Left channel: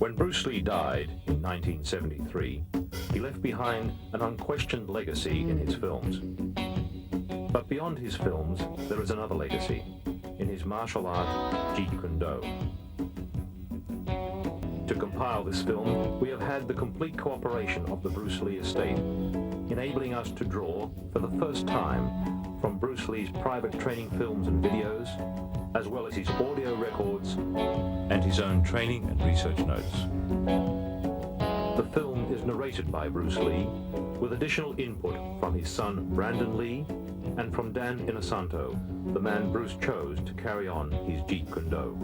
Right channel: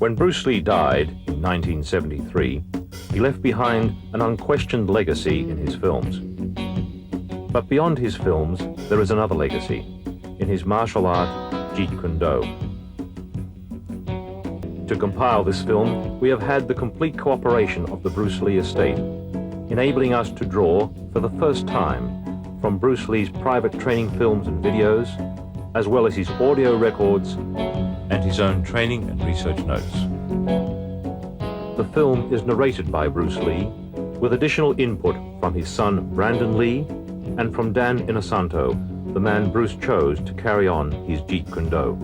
When Bruce Lee died in 1973, he left behind an unquestioned legacy in his films. But beyond his films, there is another legacy, in his martial art, Jeet Kune Do. To compile this film, we have had the complete cooperation of the Bruce Lee estate, enabling us to draw, for the first time, from Bruce Lee's private training films and videos, as well as his audio records and his own training and research notes. The film is narrated by Bruce Lee, with additional input from his son Brandon Lee and from Dan Inosanto, the man Bruce chose to carry on his Jeet Kune Do.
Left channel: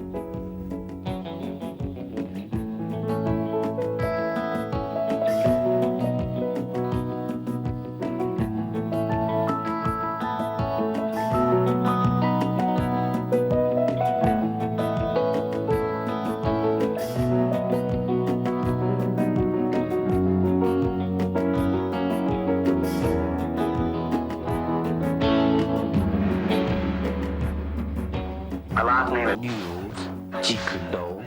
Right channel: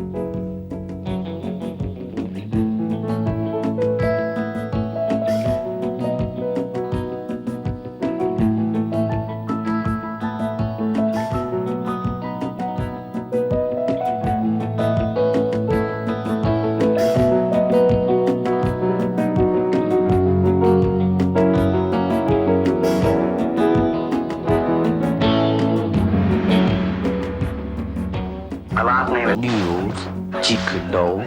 Jeet Kune Do,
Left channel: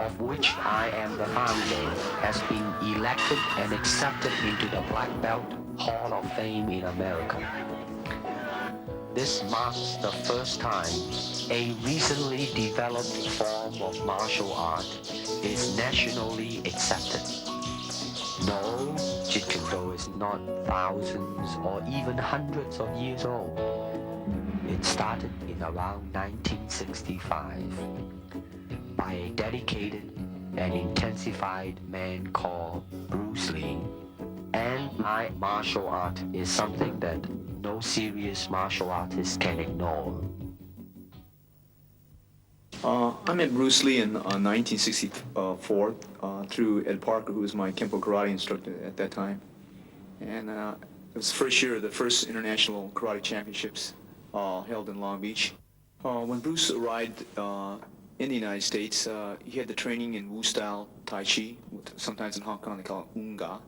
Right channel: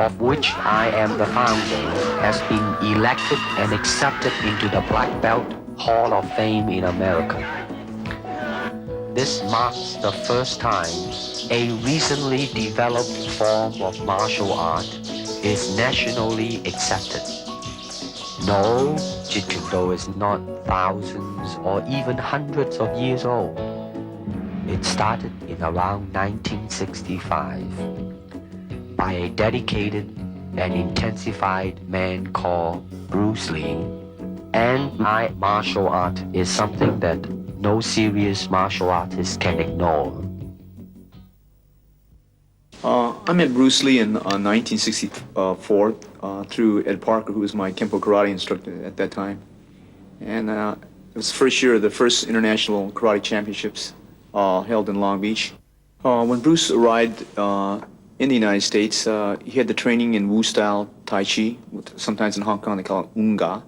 of which I am the founder, has been elected and accepted into the Black Belt Hall of Fame in America. This marks the first time a recently developed form of martial art is nationally accepted. No, Jeet Kune Do is not thousands or even hundreds of years old. It started in around 1965 by a dedicated and intensified man called Bruce Lee. And my martial art is something that no serious martial artist can ignore. I met Bruce Lee in 1964 through Ed Parker, who was my Kempo karate instructor at that time. And it was the first year of the first international karate championships held in Long Beach. When Bruce arrived in the United States, he had the training in Wu-style Tai Chi, sometimes in Hong Kong they call it Unga.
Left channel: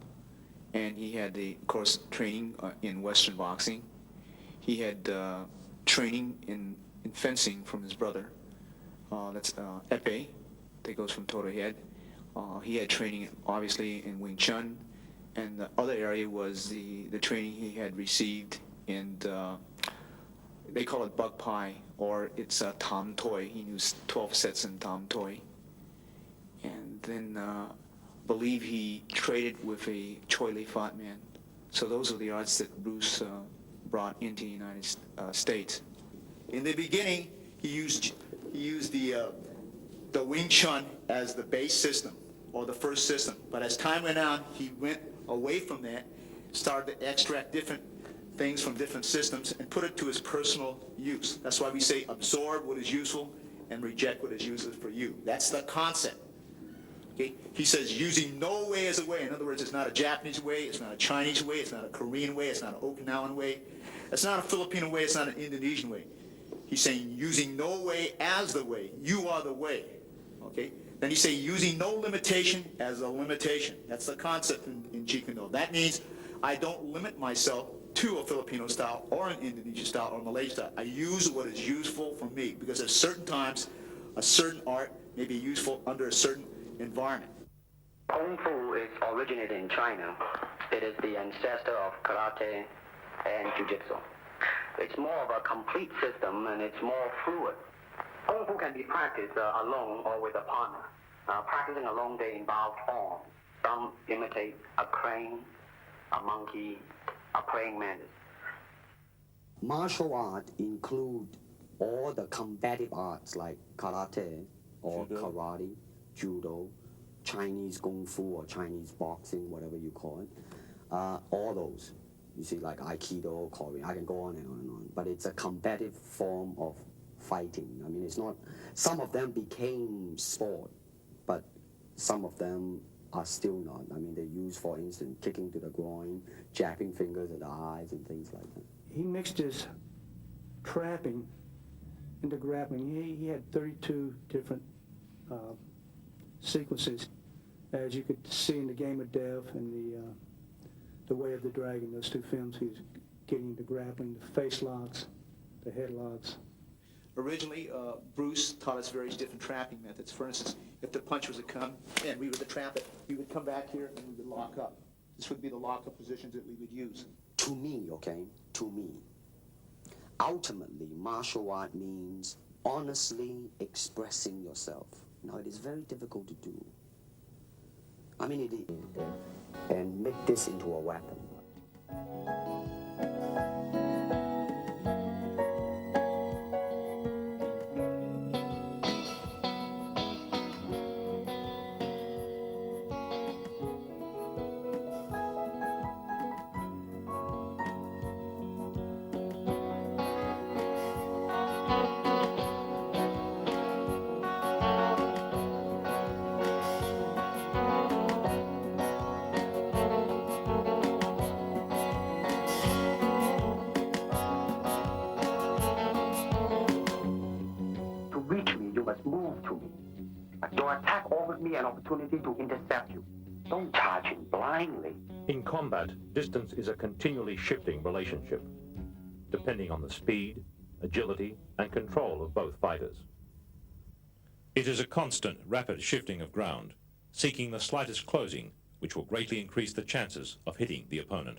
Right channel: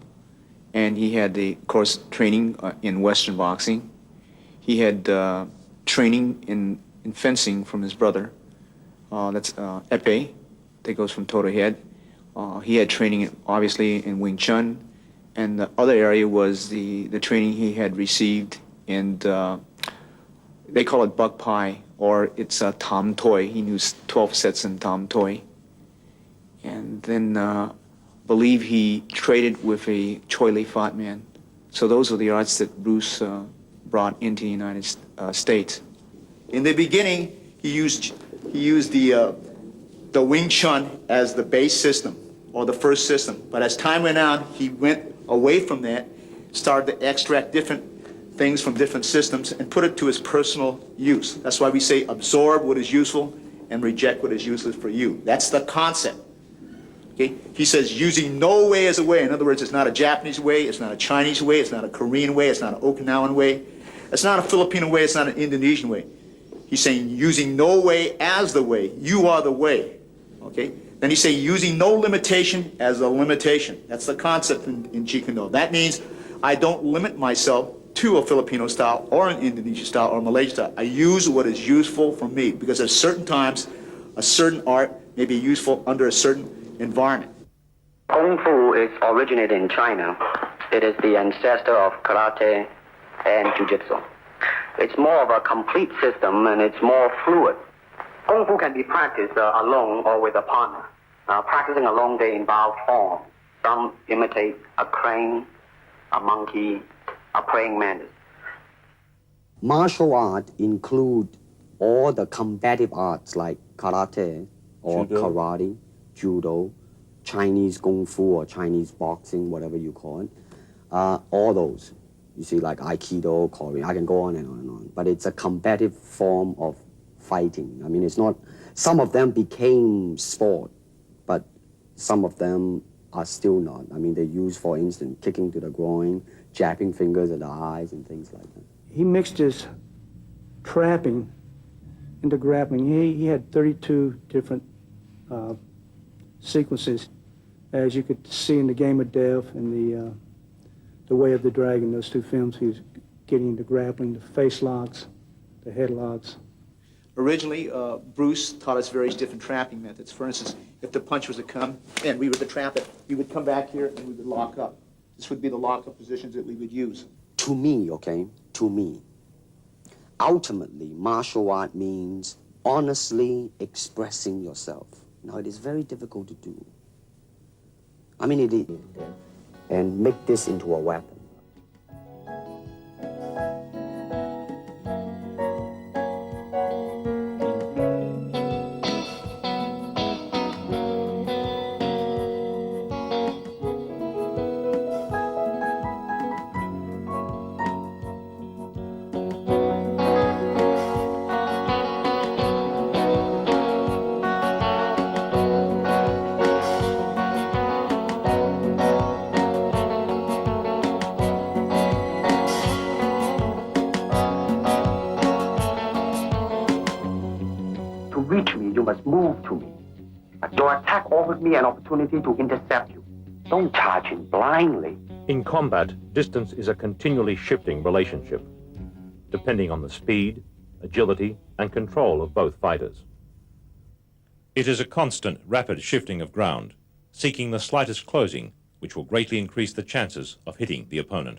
And he had the, of course, training in Western boxing. He had training in fencing from his brother. That's Epee, that goes from toe to head. He had training, obviously, in Wing Chun. And the other area was the training he had received in, they call it Buk Pai, or it's Tam Toi. He knew 12 sets in Tam Toi. And then believe he traded with a Choi Lee Fat man. So those are the arts that Bruce brought into the United States. In the beginning, he used the Wing Chun as the base system, or the first system. But as time went on, he went away from that, started to extract different things from different systems and put it to his personal use. That's why we say absorb what is useful and reject what is useless for you. That's the concept. Okay? He says using no way as a way. In other words, it's not a Japanese way, it's not a Chinese way, it's not a Korean way, it's not an Okinawan way, it's not a Filipino way, it's not an Indonesian way. He's saying using no way as the way. You are the way. Okay? Then he's saying using no limitation as a limitation. That's the concept in Jeet Kune Do. That means I don't limit myself to a Filipino style or an Indonesian style or a Malaysian style. I use what is useful for me, because at certain times a certain art may be useful under a certain environment. Kung Fu is originated in China. It is the ancestor of karate and jiu-jitsu. It's more of a complete system, and it's more fluid. Kung Fu can be practiced alone or with a partner. Practicing alone, they involve form. Some imitate a crane, a monkey, a praying mantis. Martial art include all the combative arts like karate or judo. Karate, judo, Chinese kung fu or Chinese boxing, whatever you call it. All those. You see, like Aikido, Korean, I can go on and on and on. But it's a combative form of fighting. I mean, it's not, some of them became sport, but some of them are still not. I mean, they use, for instance, kicking to the groin, jabbing fingers at the eyes and things like that. He mixed his trapping into grappling. He had 32 different sequences, as you could see in The Game of Death and the Way of the Dragon, those two films. He was getting into grappling, the face locks, the head locks. Originally, Bruce taught us various different trapping methods. For instance, if the punch was to come and we were to trap it, we would come back here and we would lock up. This would be the lock-up positions that we would use. To me, okay, to me, ultimately, martial art means honestly expressing yourself. Now, it is very difficult to do. I mean, it is, and make this into a weapon. Move to me. Your attack offers me an opportunity to intercept you. Don't charge him blindly. In combat, distance is a continually shifting relationship, depending on the speed, agility, and control of both fighters. It is a constant, rapid shifting of ground, seeking the slightest closing, which will greatly increase the chances of hitting the opponent.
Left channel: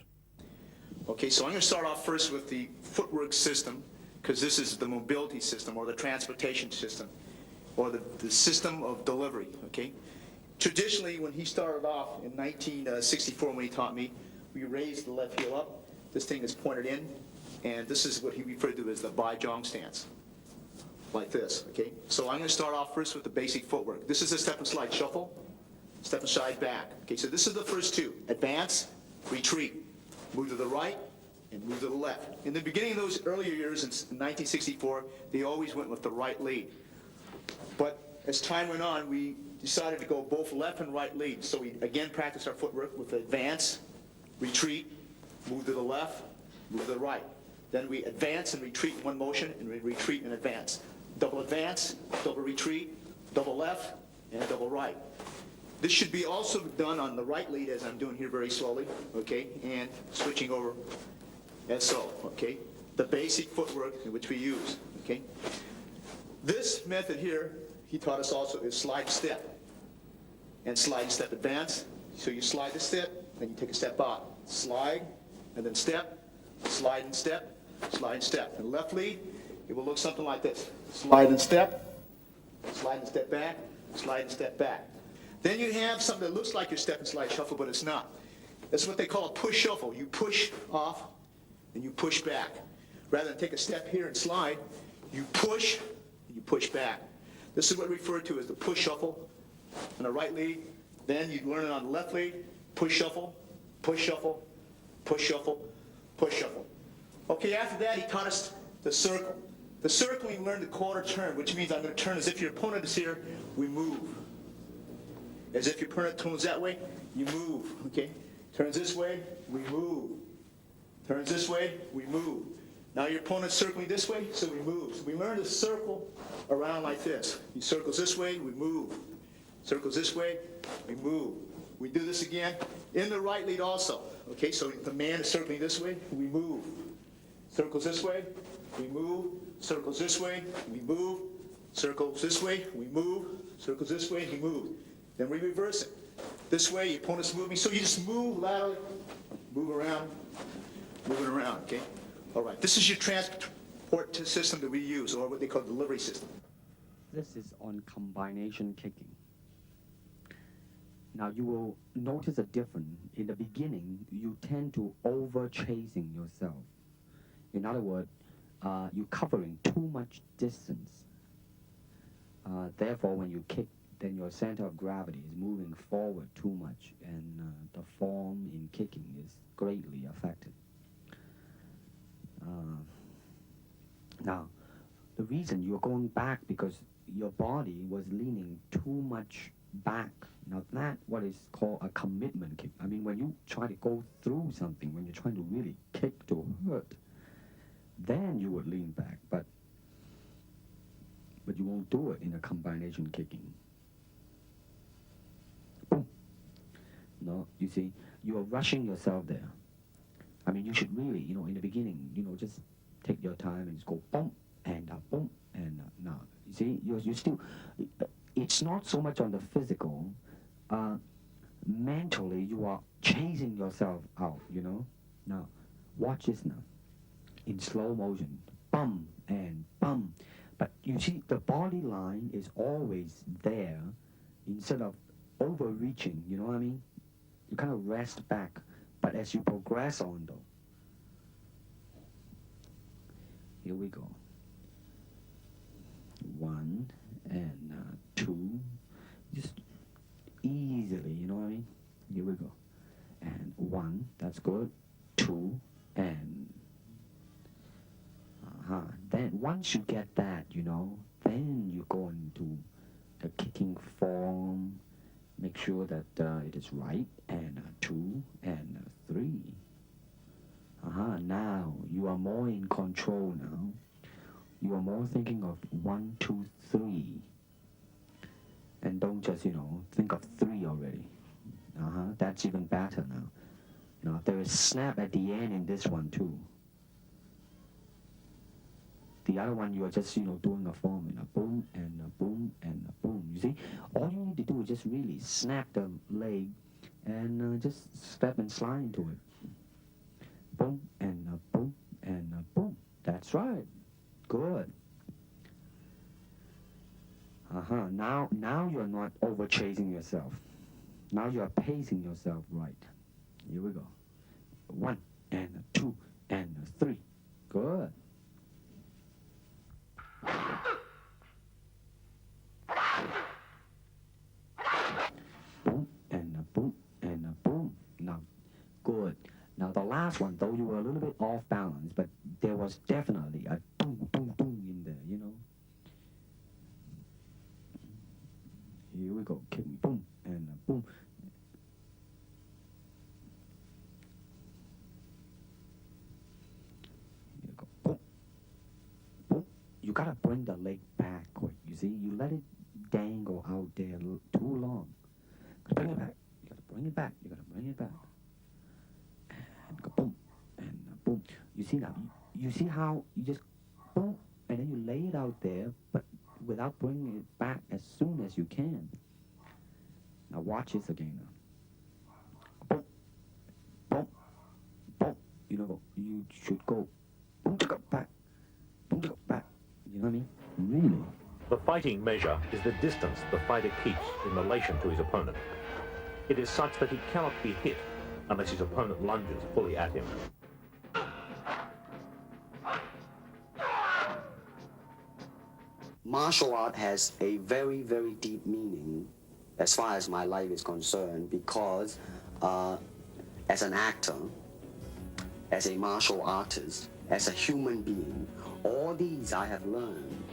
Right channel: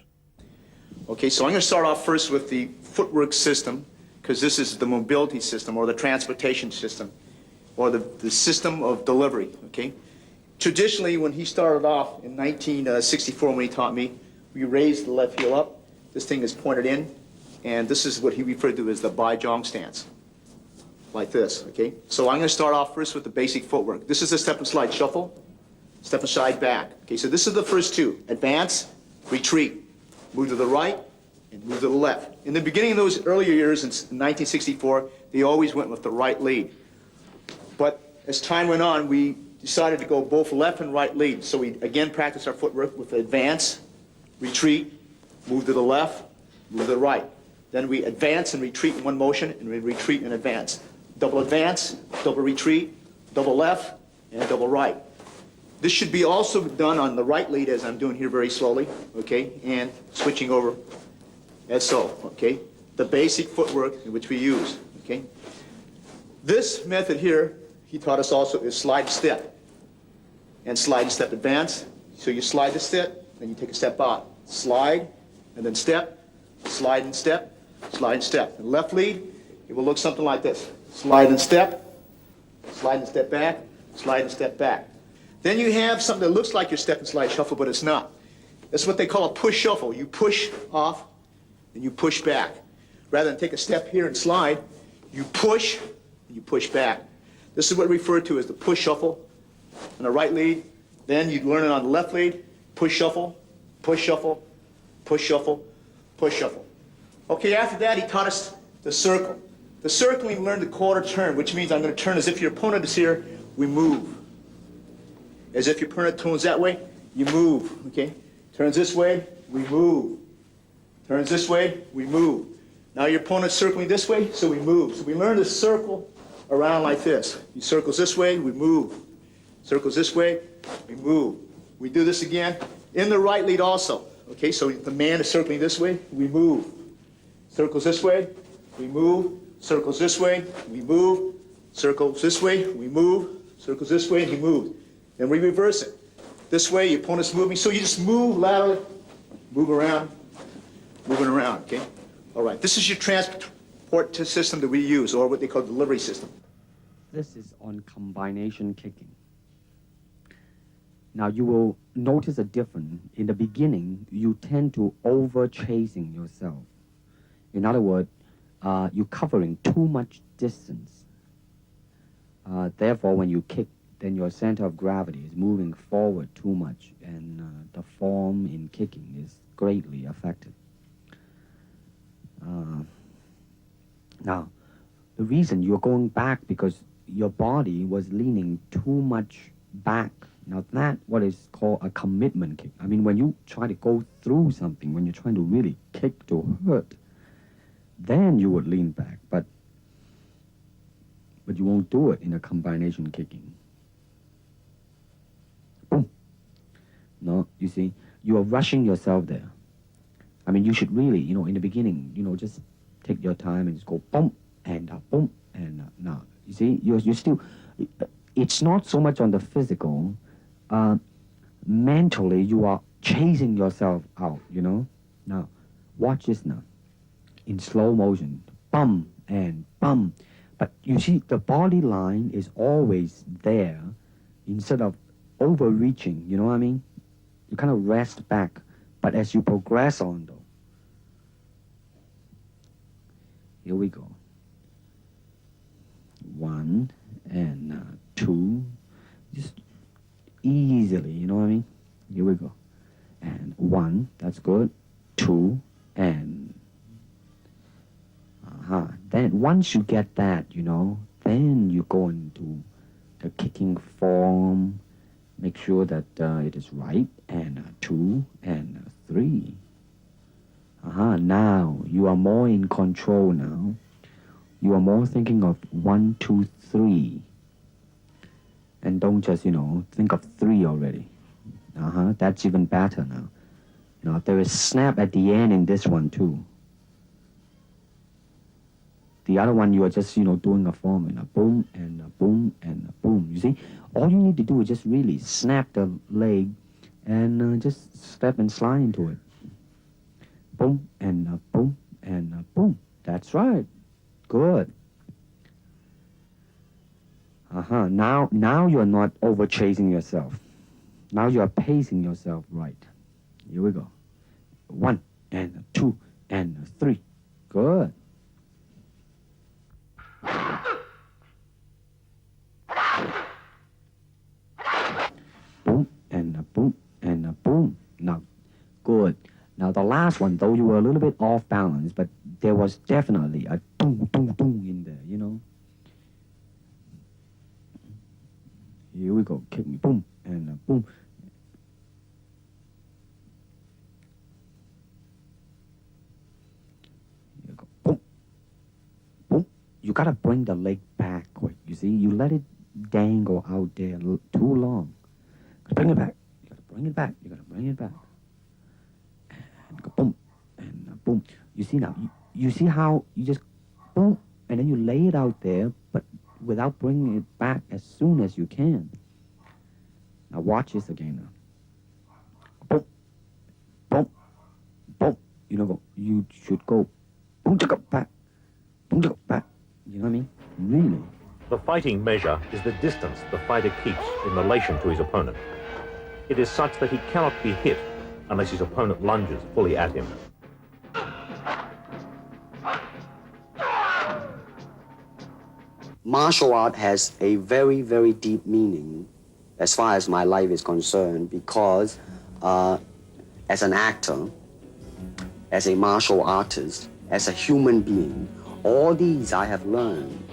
Okay, so I'm going to start off first with the footwork system, because this is the mobility system or the transportation system, or the system of delivery, okay? Traditionally, when he started off in 1964, when he taught me, we raised the left heel up. This thing is pointed in, and this is what he referred to as the Bai-Jong stance, like this, okay? So I'm going to start off first with the basic footwork. This is a step and slide shuffle, step and slide back. Okay, so this is the first two: advance, retreat, move to the right, and move to the left. In the beginning of those earlier years in 1964, they always went with the right lead. But as time went on, we decided to go both left and right lead. So we again practiced our footwork with advance, retreat, move to the left, move to the right. Then we advance and retreat in one motion, and we retreat and advance. Double advance, double retreat, double left, and double right. This should be also done on the right lead, as I'm doing here very slowly, okay, and switching over as so, okay? The basic footwork in which we use, okay? This method here, he taught us also, is slide step. And slide and step advance. So you slide the step, then you take a step out. Slide, and then step, slide and step, slide and step. And left lead, it will look something like this. Slide and step back, slide and step back. Then you have something that looks like your step and slide shuffle, but it's not. That's what they call a push shuffle. You push off, and you push back. Rather than take a step here and slide, you push, and you push back. This is what we refer to as the push shuffle on the right lead. Then you learn it on the left lead, push shuffle, push shuffle, push shuffle, push shuffle. Okay, after that he taught us the circle. The circle, we learned the quarter turn, which means I'm going to turn as if your opponent is here, we move. As if your opponent turns that way, you move, okay? Turns this way, we move. Turns this way, we move. Now your opponent's circling this way, so we move. So we learn to circle around like this. He circles this way, we move. Circles this way, we move. We do this again in the right lead also. Okay, so the man is circling this way, we move. Circles this way, we move. Circles this way, we move. Circles this way, we move. Circles this way, and he moves. Then we reverse it. This way, your opponent's moving, so you just move laterally, move around, moving around, okay? All right, this is your transport system that we use, or what they call the delivery system. This is on combination kicking. Now you will notice a difference. In the beginning, you tend to over-chasing yourself. In other words, you're covering too much distance. Therefore, when you kick, then your center of gravity is moving forward too much, and the form in kicking is greatly affected. Now, the reason you're going back because your body was leaning too much back. Now that's what is called a commitment kick. I mean, when you try to go through something, when you're trying to really kick to hurt, then you would lean back, but you won't do it in a combination kicking. Boom. No, you see, you are rushing yourself there. I mean, you should really, in the beginning, just take your time and just go boom, and You see, you're still, it's not so much on the physical. Mentally, you are chasing yourself out, you know? Now, watch this now. In slow motion, bum and bum. But you see, the body line is always there instead of overreaching, you know what I mean? You kind of rest back. But as you progress on, though, here we go. 1 and 2, just easily, you know what I mean? Here we go. And 1, that's good. 2, and then once you get that, you know, then you go into the kicking form. Make sure that it is right. And 2 and 3. Now you are more in control now. You are more thinking of 1, 2, 3. And don't just, you know, think of 3 already. That's even better now. Now there is snap at the end in this one too. The other one you are just, you know, doing a form and a boom and a boom and a boom. You see, all you need to do is just really snap the leg and just step and slide into it. Boom and a boom and a boom. That's right. Good. Now you're not over chasing yourself. Now you are pacing yourself right. Here we go. 1 and 2 and 3. Good. Boom and a boom and a boom. Now, good. Now the last one, though, you were a little bit off balance, but there was definitely a boom, boom, boom in there, you know. Here we go. Kick me, boom and a boom. Here we go. Boom, boom. You gotta bring the leg back quick. You see, you let it dangle out there too long. Gotta bring it back. You gotta bring it back. You gotta bring it back. And go boom and boom. You see now? You see how you just boom and then you lay it out there, but without bringing it back as soon as you can. Now watch this again now. Boom, boom, boom. You know, you should go boom, go back, boom, go back. You know what I mean? Really. The fighting measure is the distance the fighter keeps in relation to his opponent. It is such that he cannot be hit unless his opponent lunges fully at him. Martial art has a very, very deep meaning as far as my life is concerned because as an actor, as a martial artist, as a human being, all these I have learned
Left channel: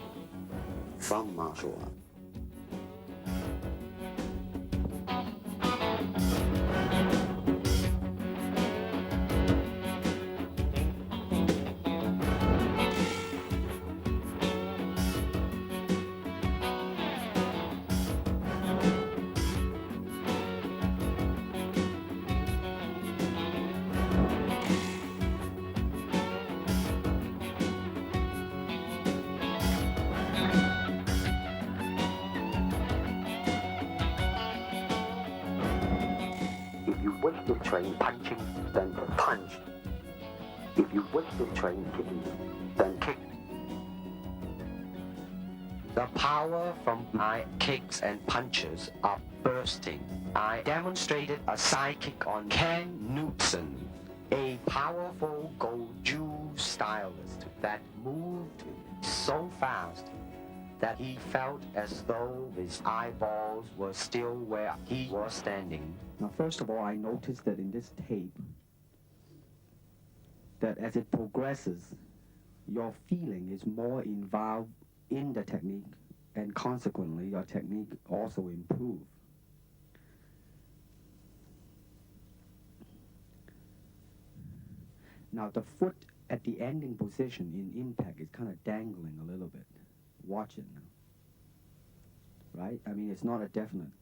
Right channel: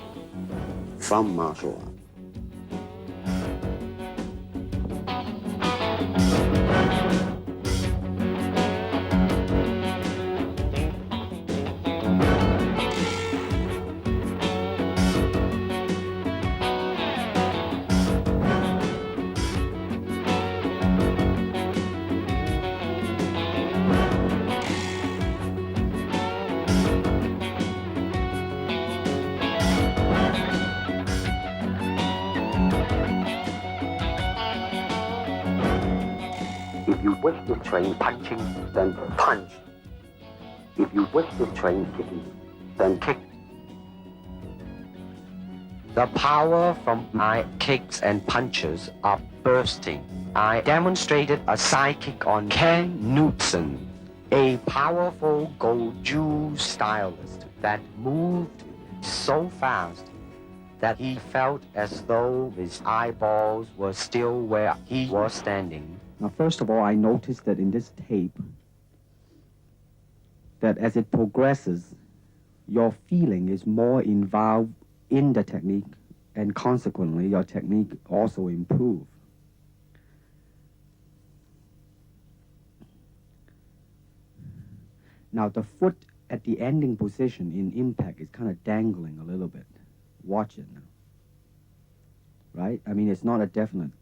from martial art. If you wish to train punching, then punch. If you wish to train kicking, then kick. The power from my kicks and punches are bursting. I demonstrated a sidekick on Ken Knutson, a powerful Goju stylist that moved so fast that he felt as though his eyeballs were still where he was standing. Now, first of all, I noticed that in this tape, that as it progresses, your feeling is more involved in the technique, and consequently, your technique also improves. Now, the foot at the ending position in impact is kind of dangling a little bit. Watch it now. Right? I mean, it's not a definite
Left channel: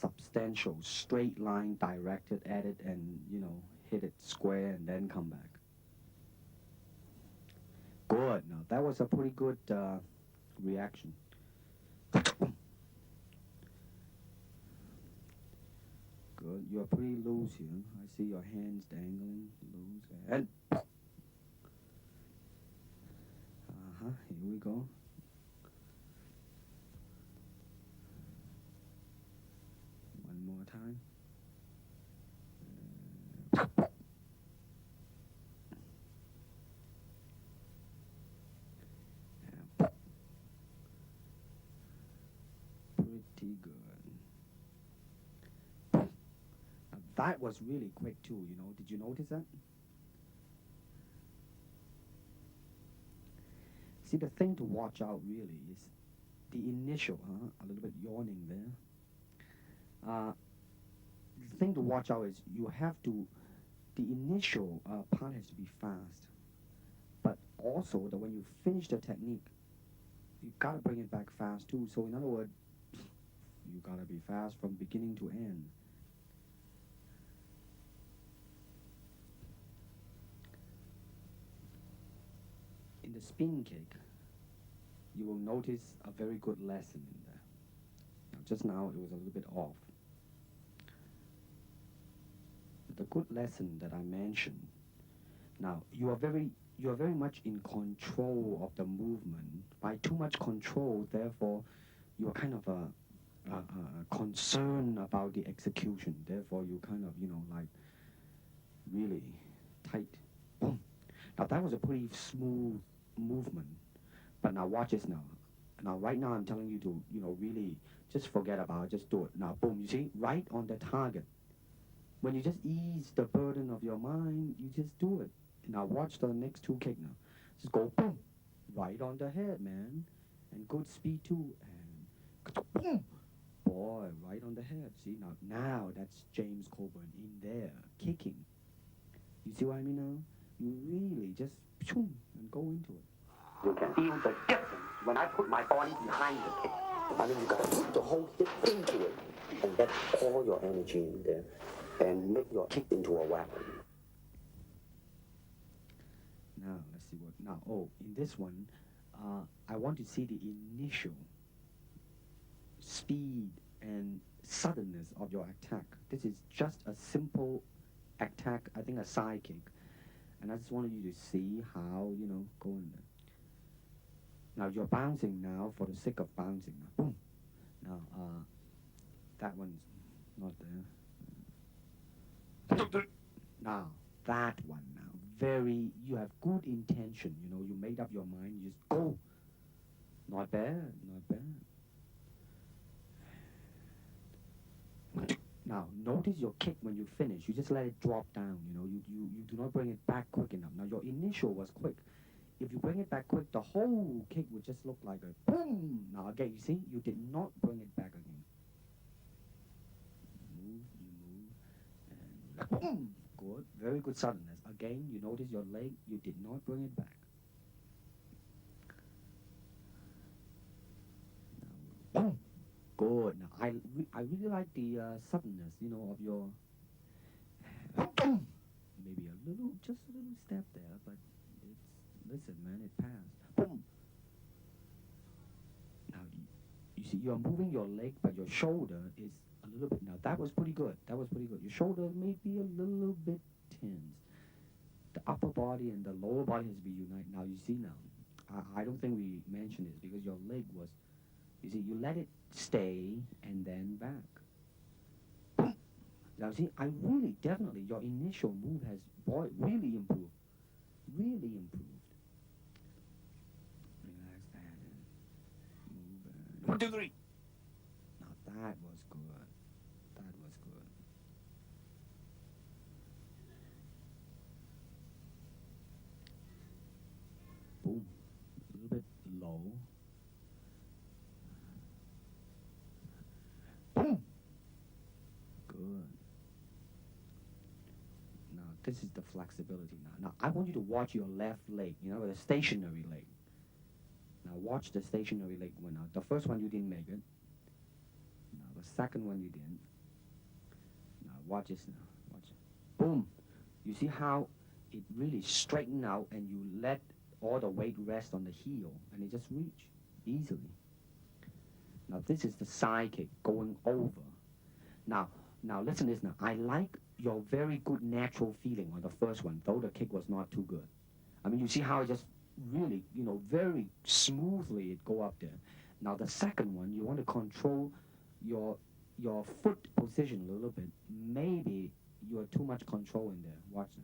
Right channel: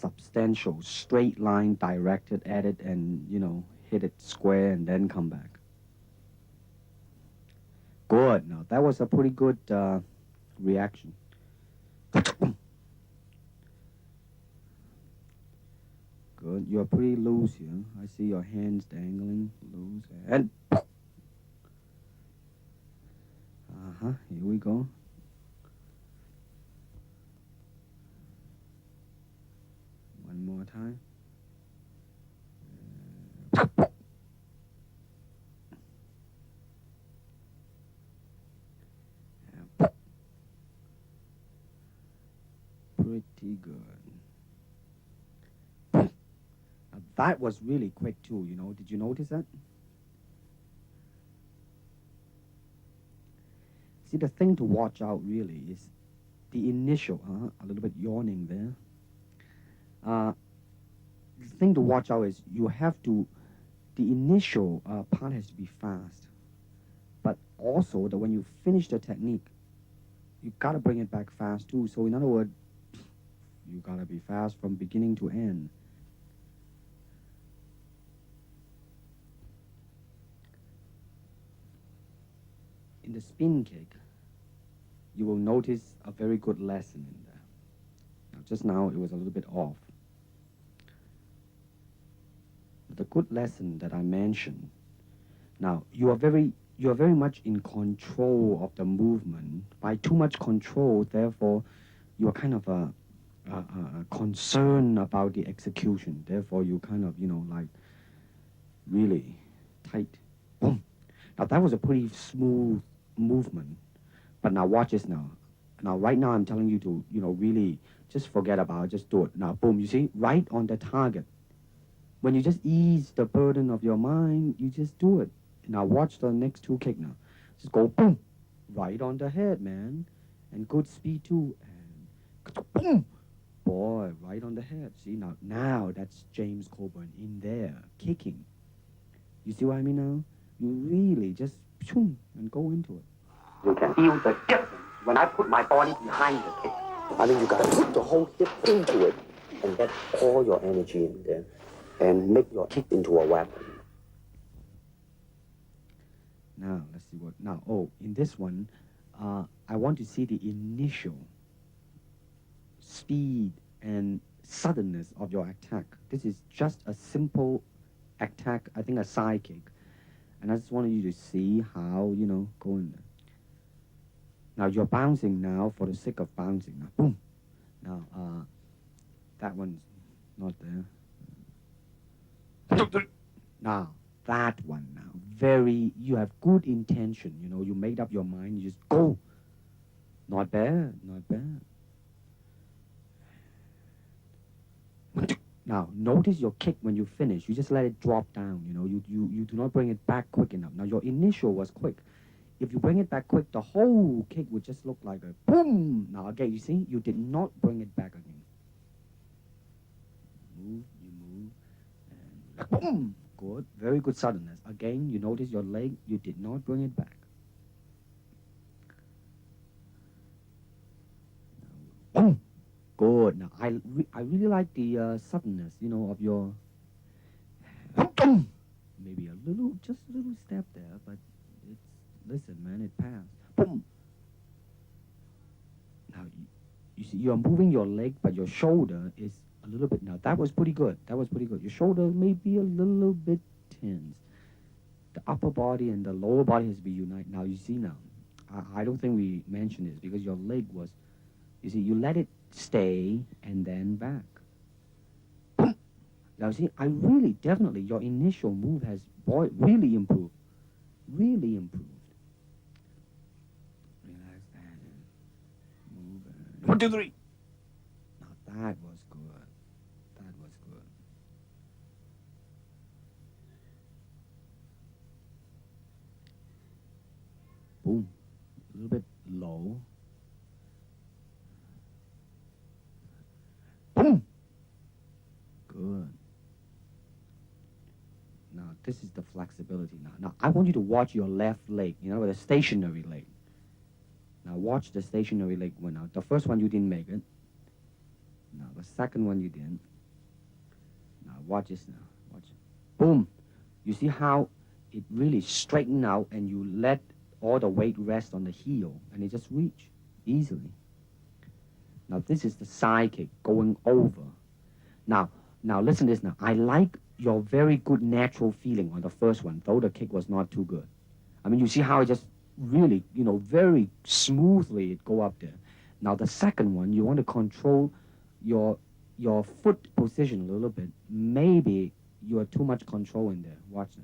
substantial straight line directed at it and, you know, hit it square and then come back. Good. Now, that was a pretty good reaction. Good. You're pretty loose here. I see your hands dangling loose. And here we go. One more time. Pretty good. Now that was really quick too, you know. Did you notice that? See, the thing to watch out really is the initial, a little bit yawning there. The thing to watch out is you have to, the initial part has to be fast. But also that when you finish the technique, you gotta bring it back fast too. So in other words, you gotta be fast from beginning to end. In the spin kick, you will notice a very good lesson in there. Now, just now it was a little bit off. The good lesson that I mentioned. Now you are very much in control of the movement. By too much control, therefore, you are kind of concerned about the execution. Therefore, you kind of, you know, like really tight. Boom. Now that was a pretty smooth movement. But now watch this now. Now right now I'm telling you to, you know, really just forget about it, just do it. Now boom, you see, right on the target. When you just ease the burden of your mind, you just do it. Now watch the next two kick now. Just go boom, right on the head, man. And good speed too. And boom, boy, right on the head. See, now that's James Coburn in there, kicking. You see what I mean now? You really just shoom, and go into it. You can feel the difference when I put my body behind the kick. I think you got to put the whole hip into it and get all your energy in there and make your kick into a weapon. Now, let's see what... Now, in this one, I want to see the initial speed and suddenness of your attack. This is just a simple attack, I think a side kick. And I just wanted you to see how, you know, go in there. Now, you're bouncing now for the sake of bouncing. Now, boom. Now, that one's not there. Now, that one now. You have good intention, you know, you made up your mind, you just go. Not bad, not bad. Now, notice your kick when you finish, you just let it drop down, you know, you do not bring it back quick enough. Now, your initial was quick. If you bring it back quick, the whole kick would just look like a boom. Now, again, you see, you did not bring it back again. You move, and boom. Good, very good suddenness. Again, you notice your leg, you did not bring it back. Boom. Good. Now, I really like the suddenness, you know, of your... Maybe just a little step there, but it's... Listen, man, it passed. Boom. Now, you see, you're moving your leg, but your shoulder is a little bit. Now, that was pretty good. That was pretty good. Your shoulder may be a little bit tense. The upper body and the lower body has to be united. Now, you see now, I don't think we mentioned this because your leg was, you see, you let it stay and then back. Now, see, I really, definitely, your initial move has, boy, really improved. Really improved. Relax and move and... 1, 2, 3. Now, that was good. That was good. Boom. A little bit low. Boom. Good. Now, this is the flexibility now. Now, I want you to watch your left leg, you know, the stationary leg. Now, watch the stationary leg one out. The first one, you didn't make it. Now, the second one, you didn't. Now, watch this now. Watch it. Boom. You see how it really straightened out and you let all the weight rest on the heel and it just reach. easily. Now this is the side kick going over. Now listen to this now. I like your very good natural feeling on the first one, though the kick was not too good. I mean, you see how it just really, very smoothly it go up there. Now the second one, you want to control your foot position a little bit. Maybe you are too much control in there. Watch it.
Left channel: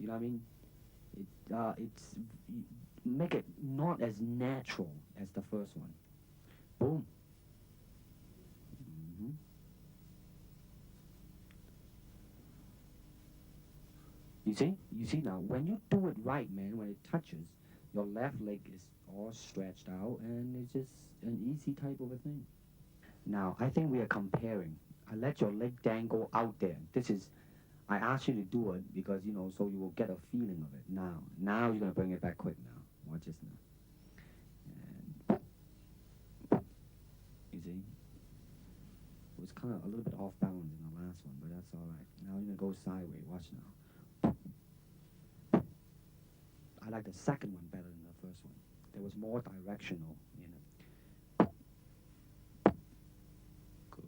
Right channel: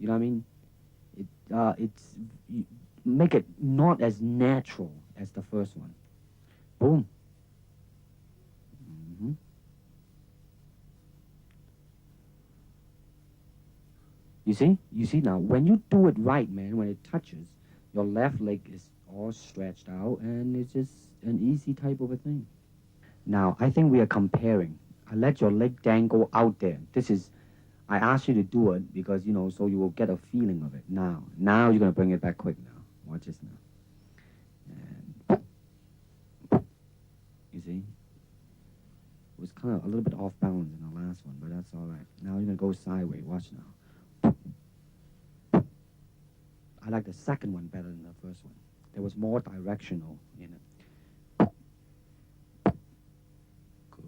You know what I mean? Make it not as natural as the first one. Boom. Mm-hmm. You see now, when you do it right, man, when it touches, your left leg is all stretched out, and it's just an easy type of a thing. Now, I think we are comparing. I let your leg dangle out there. I asked you to do it because, so you will get a feeling of it. Now you're going to bring it back quick now. Watch this now. And, you see? It was kind of a little bit off balance in the last one, but that's all right. Now you're going to go sideways. Watch now. I like the second one better than the first one. There was more directional in it. Good.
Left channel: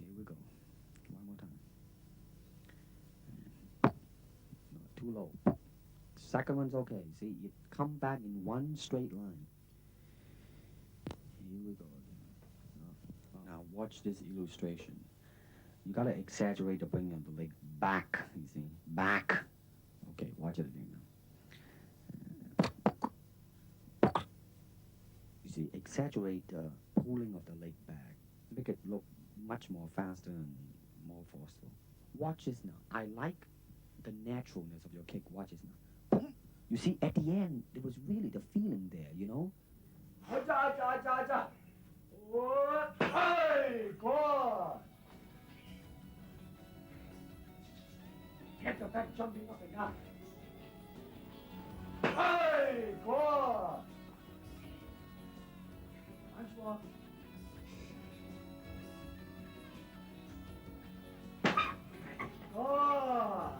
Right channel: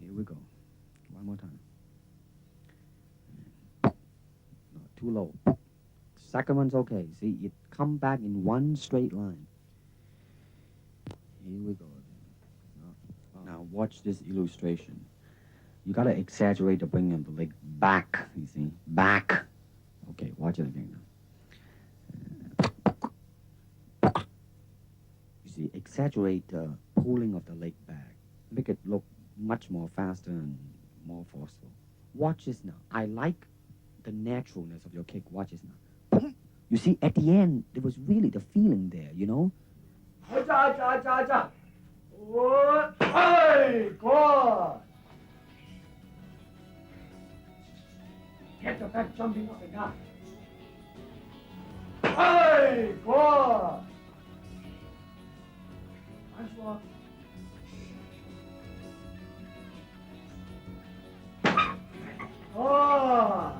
Here we go. One more time. No, too low. Second one's okay. See, it come back in one straight line. Here we go. Now watch this illustration. You gotta exaggerate the bringing of the leg back, you see? Back. Okay, watch it again now. You see, exaggerate the pulling of the leg back. Make it look much more faster and more forceful. Watch this now. I like the naturalness of your kick. Watch this now. You see, at the end, there was really the feeling there, Hey, good. Get your back jumping up and down. Hey, good. Nice one. Oh.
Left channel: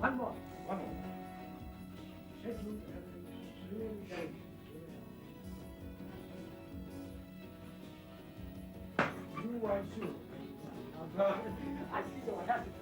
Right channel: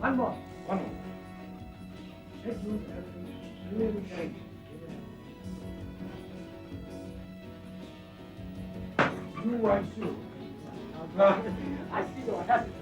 One more. You are too. I see what happened.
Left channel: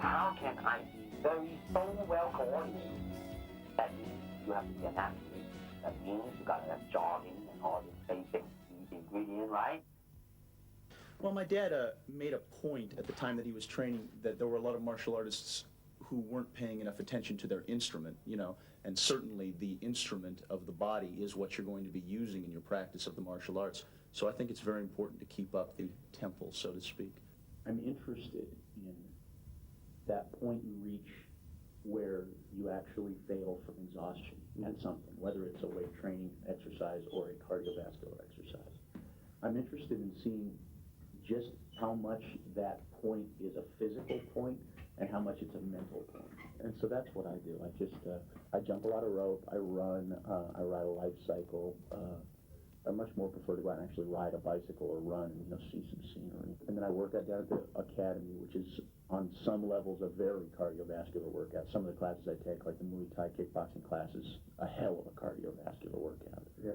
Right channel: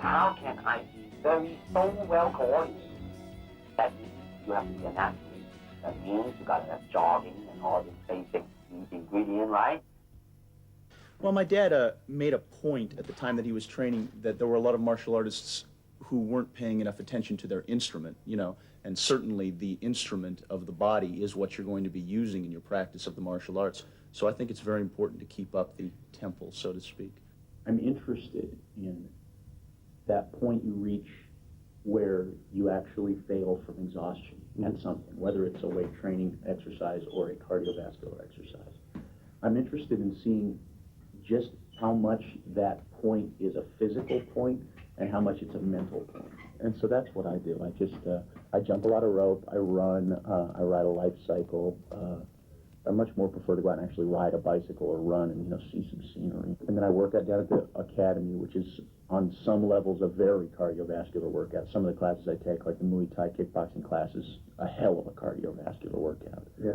How can I be so well coordinated? That means you have to be an athlete. That means you got to have jogging and all these basic ingredients, right? Well, my dad made a point at the time that he was training that there were a lot of martial artists who weren't paying enough attention to their instrument, and certainly the instrument of the body is what you're going to be using in your practice of the martial arts. So I think it's very important to keep up the tempo, so to speak. I'm interested in that point you reach where you actually fail from exhaustion at something, whether it's a weight training exercise or a cardiovascular exercise. I'm interested in seeing just how much that point is a physical point and how much it's a mental point. And so that's what I do. I jump a lot of rope, I run, I ride a life cycle. I much more prefer to go out and actually ride a bicycle or run and see some scenery. And then I work out down at the academy, which is on some levels a very cardiovascular workout. Some of the classes I take, like the Muay Thai kickboxing classes, a hell of a cardiovascular workout. Yeah.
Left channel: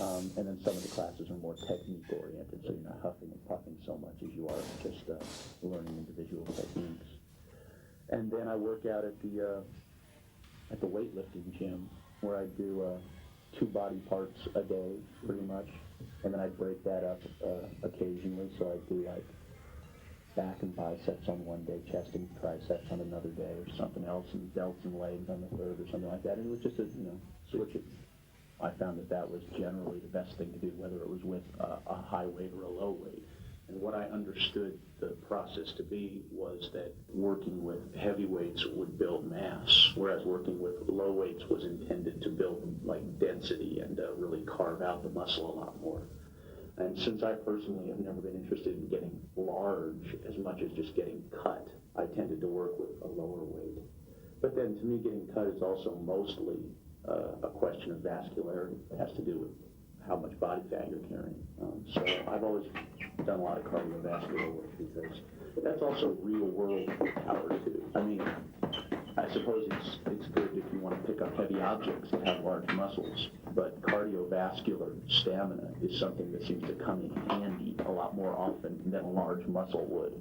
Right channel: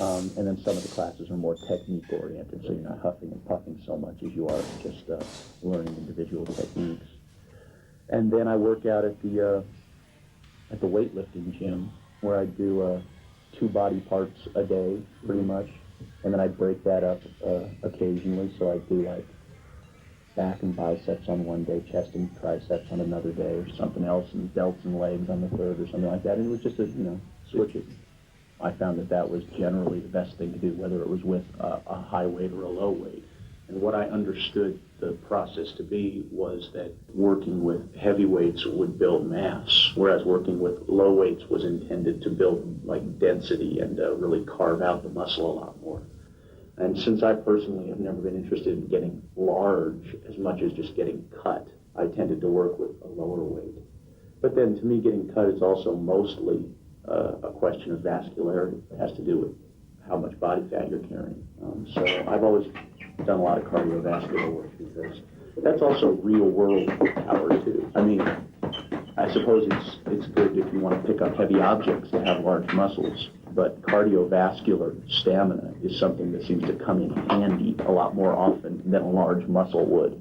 And then some of the classes are more technique oriented, so you're not huffing and puffing so much as you are just learning individual techniques. And then I work out at the weightlifting gym, where I do 2 body parts a day, pretty much, and then I break that up occasionally. So I do like back and biceps on one day, chest and triceps on another day, or something else, and delts and legs on the third, or something like that. And it was just a, switch it. I found that was generally the best thing to do, whether it was with a high weight or a low weight. And what I understood the process to be was that working with heavy weights would build mass, whereas working with low weights was intended to build like density and really carve out the muscle a lot more. And since I personally have never been interested in getting large as much as just getting cut, I tended to work with a lower weight. But then to me, getting cut is also mostly a question of vascularity. It has to do with how much body fat you're carrying. So I've always done a lot of cardiovascular work because that's also real world power too. I mean, I suppose it's good if you want to pick up heavy objects to have large muscles, but cardiovascular stamina is something that seems to come in handy a lot more often than a large muscle would.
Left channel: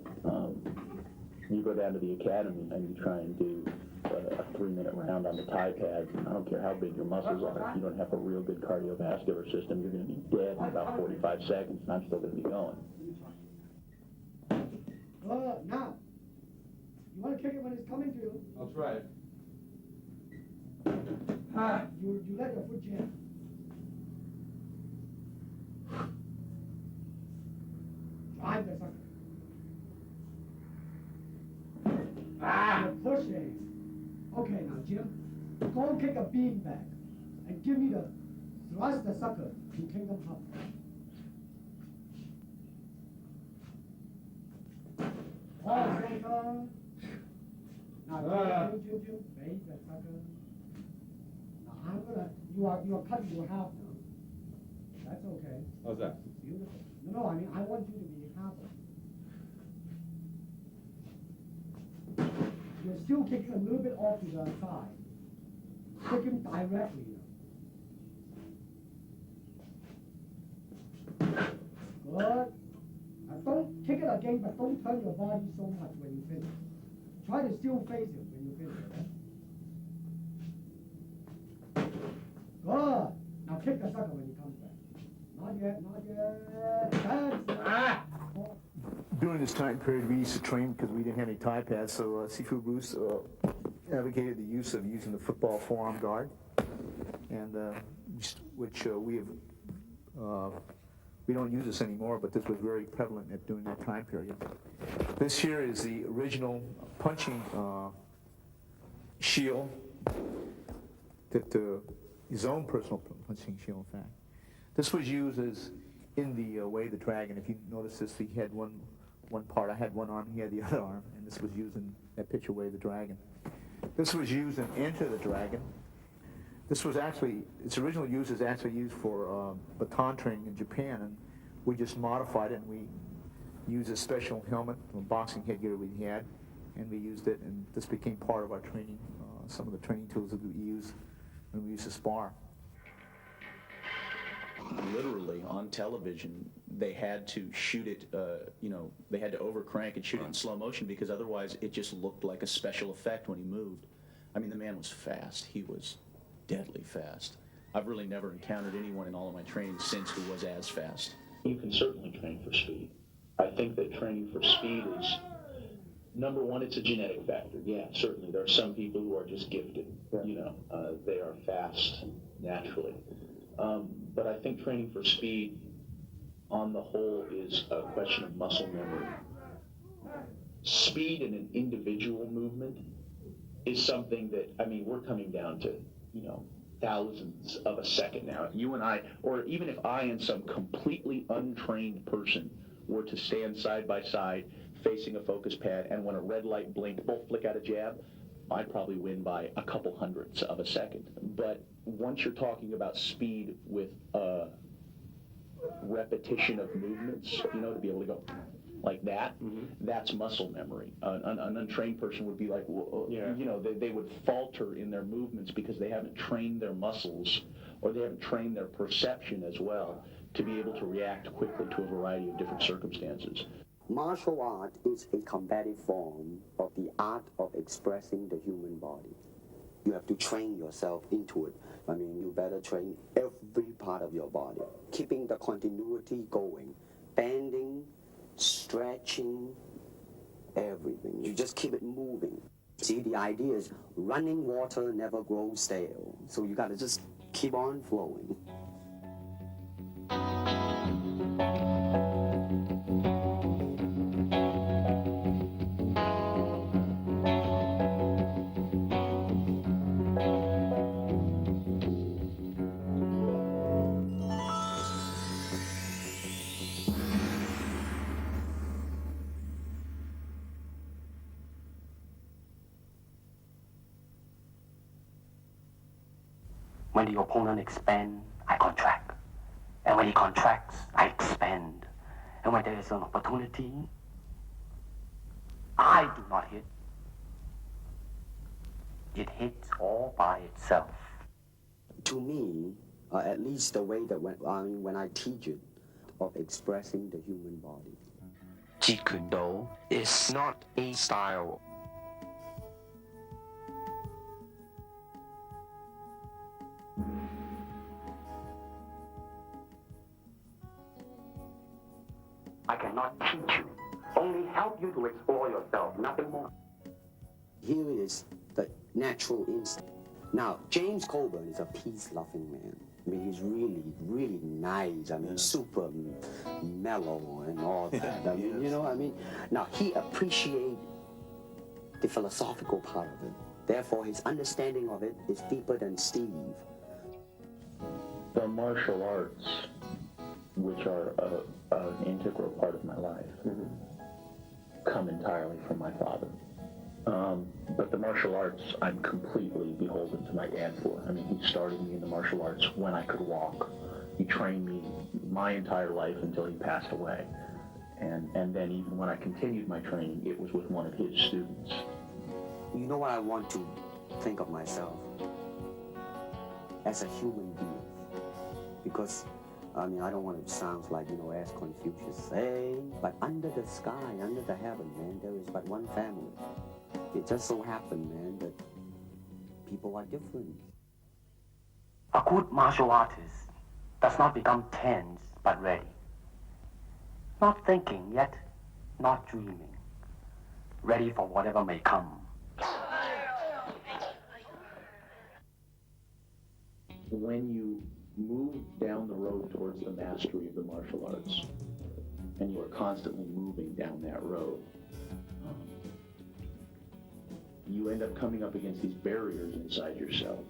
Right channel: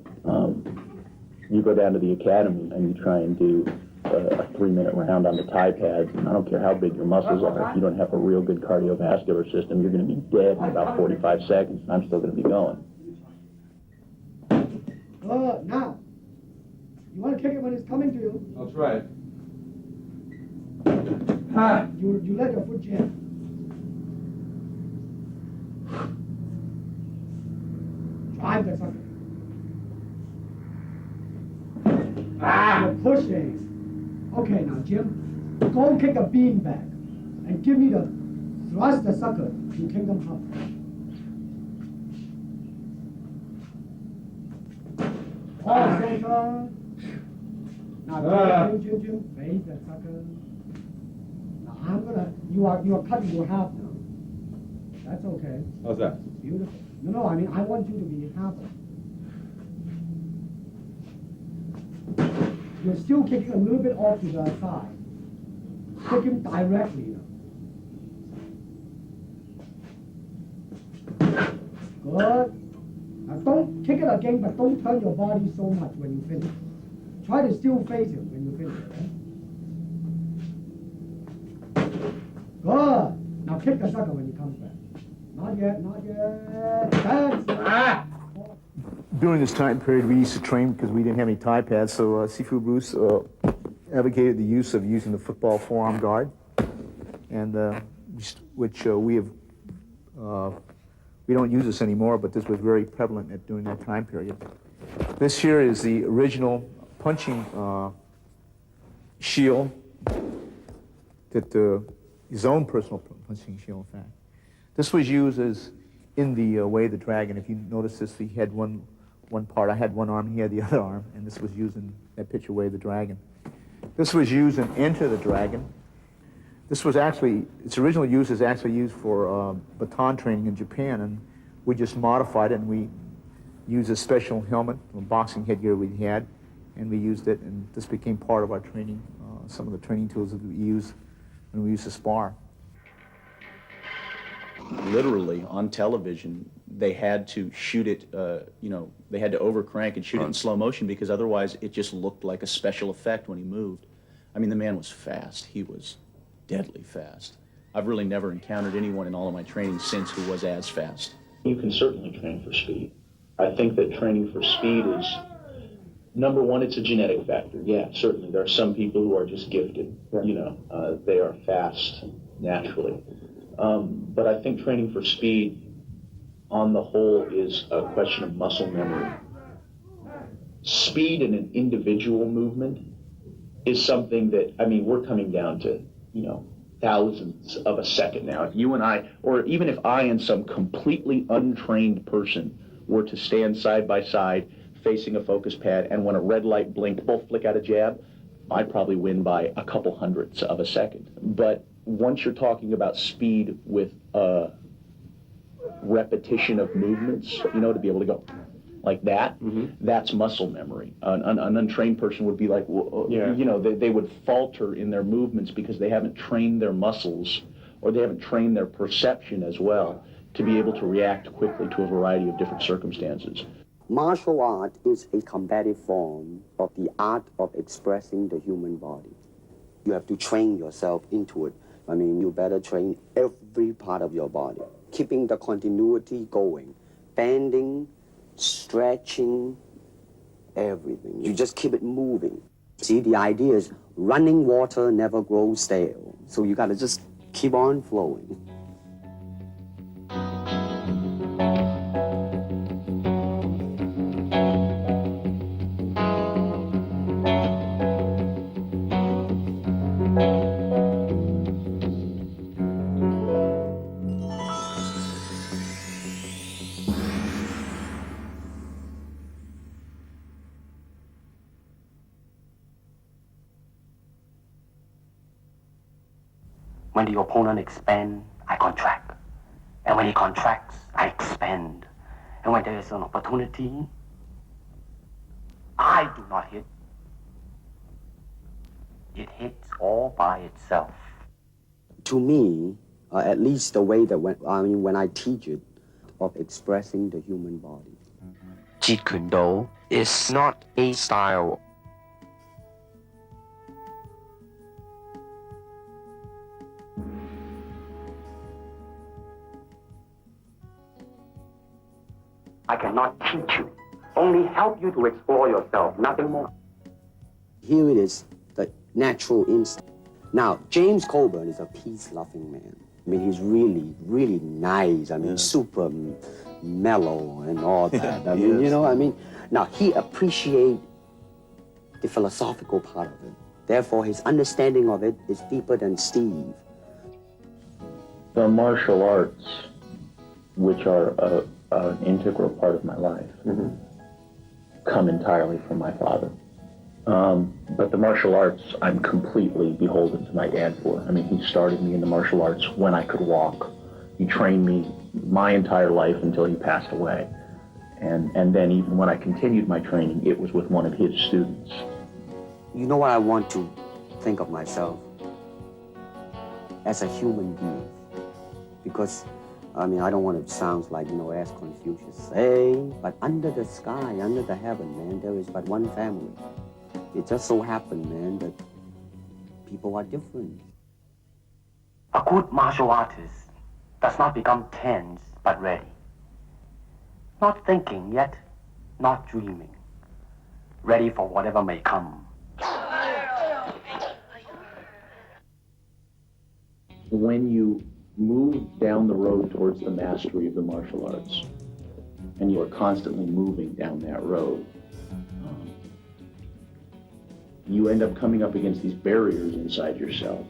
You go down to the academy and you try and do a 3-minute round on the Thai pads, and I don't care how big your muscles are, if you don't have a real good cardiovascular system, you're going to be dead in about 45 seconds, and I'm still going to be going. Now, you want to kick it when it's coming to you. That's right. You let your foot jam. Drive the sucker. You're pushing. Okay, now, Jim, go and kick a beanbag and give me the thrust the sucker to Kingdom Come. All center. Now, Jim, face the sucker. Now, you are cutting your half now. That's okay. How's that? Beautiful. No, I mean, I want you to be half. You're still kicking a little bit off to the side. Kick him directly. Good. Now don't kick it again, but don't turn your body so much when you finish. Try to still face him when you finish. Good. Now kick the sucker when he comes back. Not yet, not yet. That's During this time period, we used to train because we didn't have any Thai pads, so Sifu Bruce advocated the use of using the football forearm guard, and which we don't use this anymore, but this was very prevalent during that time period. This here is the original punching shield that his own personal punching shield, in fact. This was used as in the Way of the Dragon. If you notice this, he had one part. I had one arm, he had the other arm, and this was used in that picture, Way of the Dragon. This was used in Enter the Dragon. This was actually, its original use is actually used for baton training in Japan, and we just modified it, and we used a special helmet, a boxing headgear we had, and we used it, and this became part of our training, some of the training tools that we use when we used to spar. Literally, on television, they had to shoot it, they had to overcrank and shoot it in slow motion because otherwise it just looked like a special effect when he moved. I mean, the man was fast. He was deadly fast. I've really never encountered anyone in all of my training since who was as fast. You can certainly train for speed. I think that training for speed is, number one, it's a genetic factor. Yeah, certainly. There are some people who are just gifted. They are fast naturally. But I think training for speed, on the whole, is a question of muscle memory. Speed in an individual movement is something that, I mean, we're coming down to, thousandths of a second now. If you and I, or even if I and some completely untrained person were to stand side by side facing a focus pad, and when a red light blinked, both flick out a jab, I'd probably win by a couple hundredths of a second. But once you're talking about speed with repetition of movements, to be able to go like that, that's muscle memory. An untrained person would be like, they would falter in their movements because they haven't trained their muscles, or they haven't trained their perception as well to be able to react quickly to a variety of different circumstances. Martial art is a combative form of the art of expressing the human body. You have to train yourself into it. I mean, you better train every part of your body, keeping the continuity going, bending, stretching, everything. You just keep it moving. See, the idea is running water never grows stale. So you got to just keep on flowing. When the opponent expands, I contract. And when he contracts, I expand. And when there is an opportunity, I do not hit. It hits all by itself. To me, at least the way that when I teach it, of expressing the human body. Jeet Kune Do is not a style. I cannot teach you, only help you to explore yourself, nothing more. Here it is, the natural instinct. Now, James Coburn is a peace-loving man. I mean, he's really, really nice. I mean, super mellow and all that. I mean, you know, I mean, now he appreciates the philosophical part of it. Therefore, his understanding of it is deeper than Steve. The martial arts, which are an integral part of my life, come entirely from my father. But the martial arts, I'm completely beholden to my dad for. I mean, he started me in the martial arts when I could walk. He trained me my entire life until he passed away. And then even when I continued my training, it was with one of his students. You know what I want to think of myself? As a human being. Because, I mean, I don't want to sound like, you know, as Confucius say, but under the sky, under the heaven, man, there is but one family. It just so happened, man, that people are different. A good martial artist does not become tense, but ready. Not thinking yet, not dreaming. Ready for whatever may come. When you move down the road towards the mastery of the martial arts, and you are constantly moving down that road, you end up coming up against these barriers inside yourself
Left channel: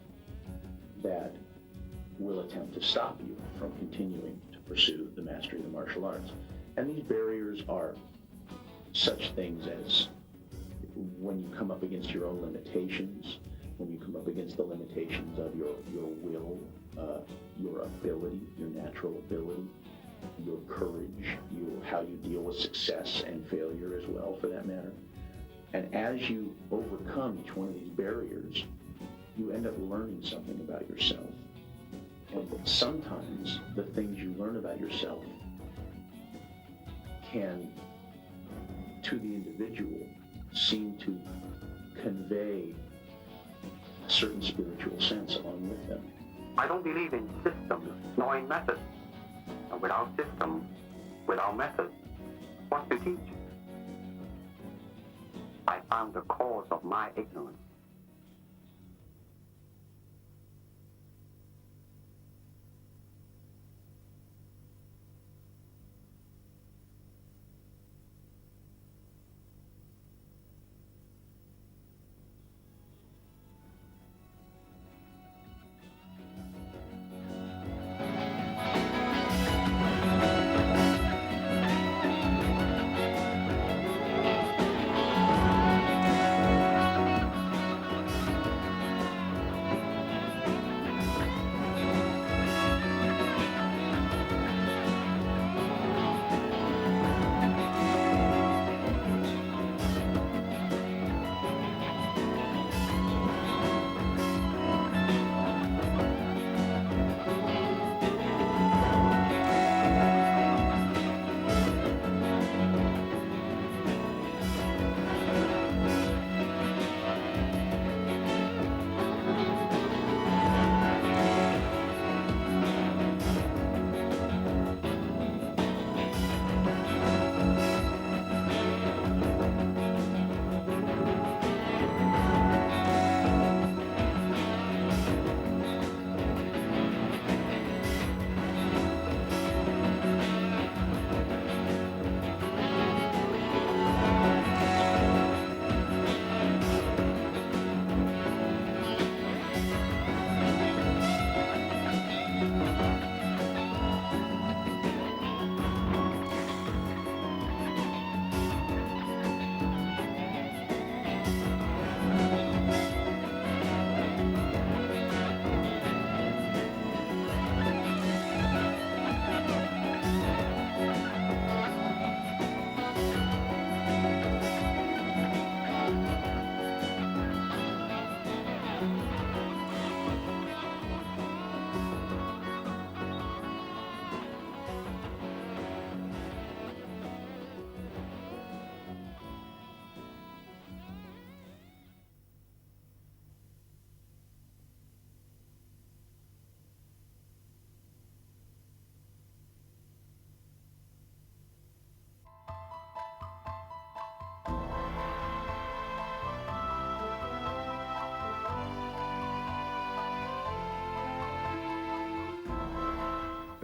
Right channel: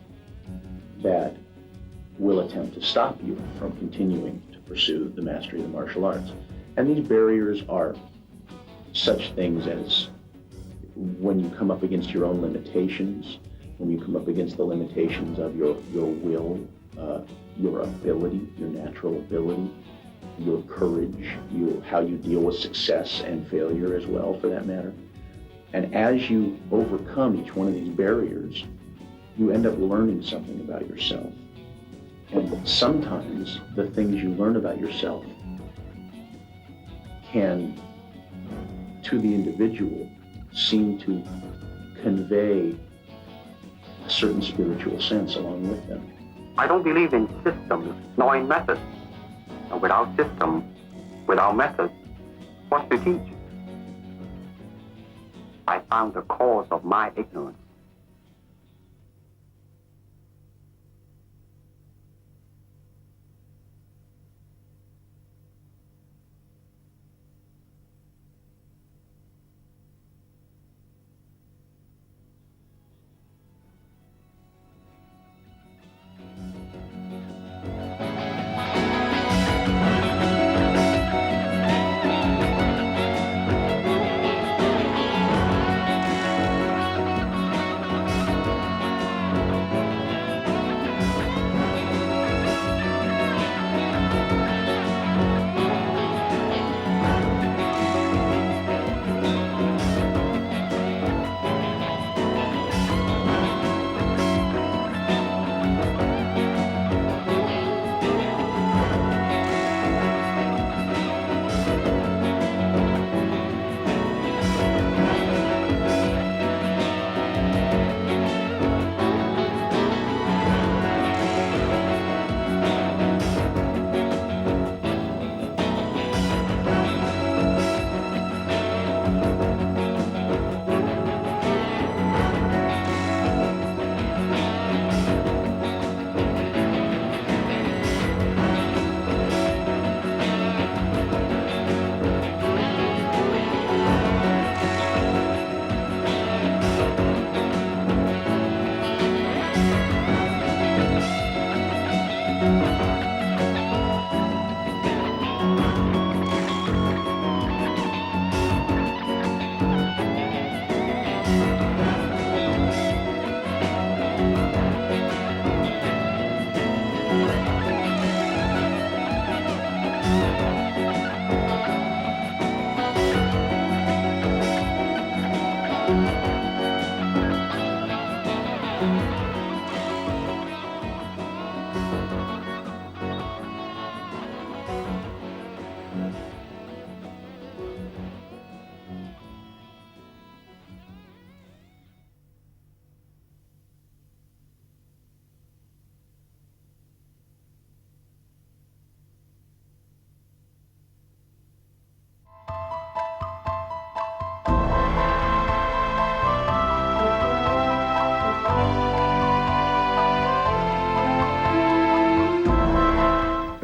that will attempt to stop you from continuing to pursue the mastery of the martial arts. And these barriers are such things as when you come up against your own limitations, when you come up against the limitations of your will, your ability, your natural ability, your courage, how you deal with success and failure as well, for that matter. And as you overcome each one of these barriers, you end up learning something about yourself. And sometimes the things you learn about yourself can, to the individual, seem to convey a certain spiritual sense along with them. I don't believe in systems, nor in methods. And without system, without method, what's to teach? I found the cause of my ignorance.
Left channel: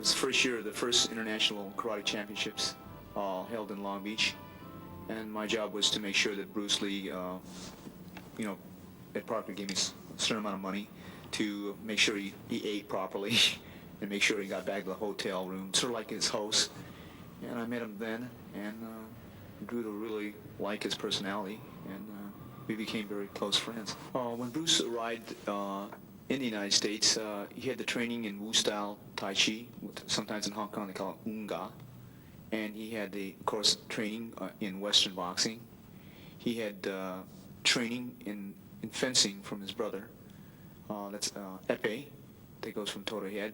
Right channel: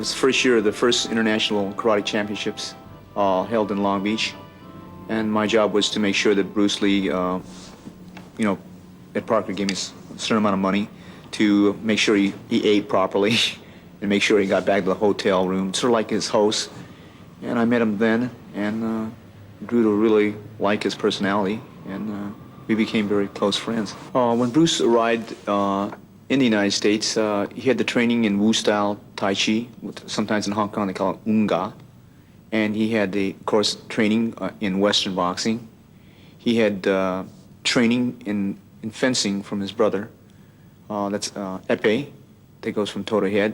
was the first year of the first international karate championships held in Long Beach. And my job was to make sure that Bruce Lee, Ed Parker gave me a certain amount of money to make sure he ate properly and make sure he got back to the hotel room, sort of like his host. And I met him then and grew to really like his personality, and we became very close friends. When Bruce arrived in the United States, he had the training in Wu-style Tai Chi, sometimes in Hong Kong they call it Unga. And he had, of course, training in Western boxing. He had training in fencing from his brother. That's epee, that goes from toe to head.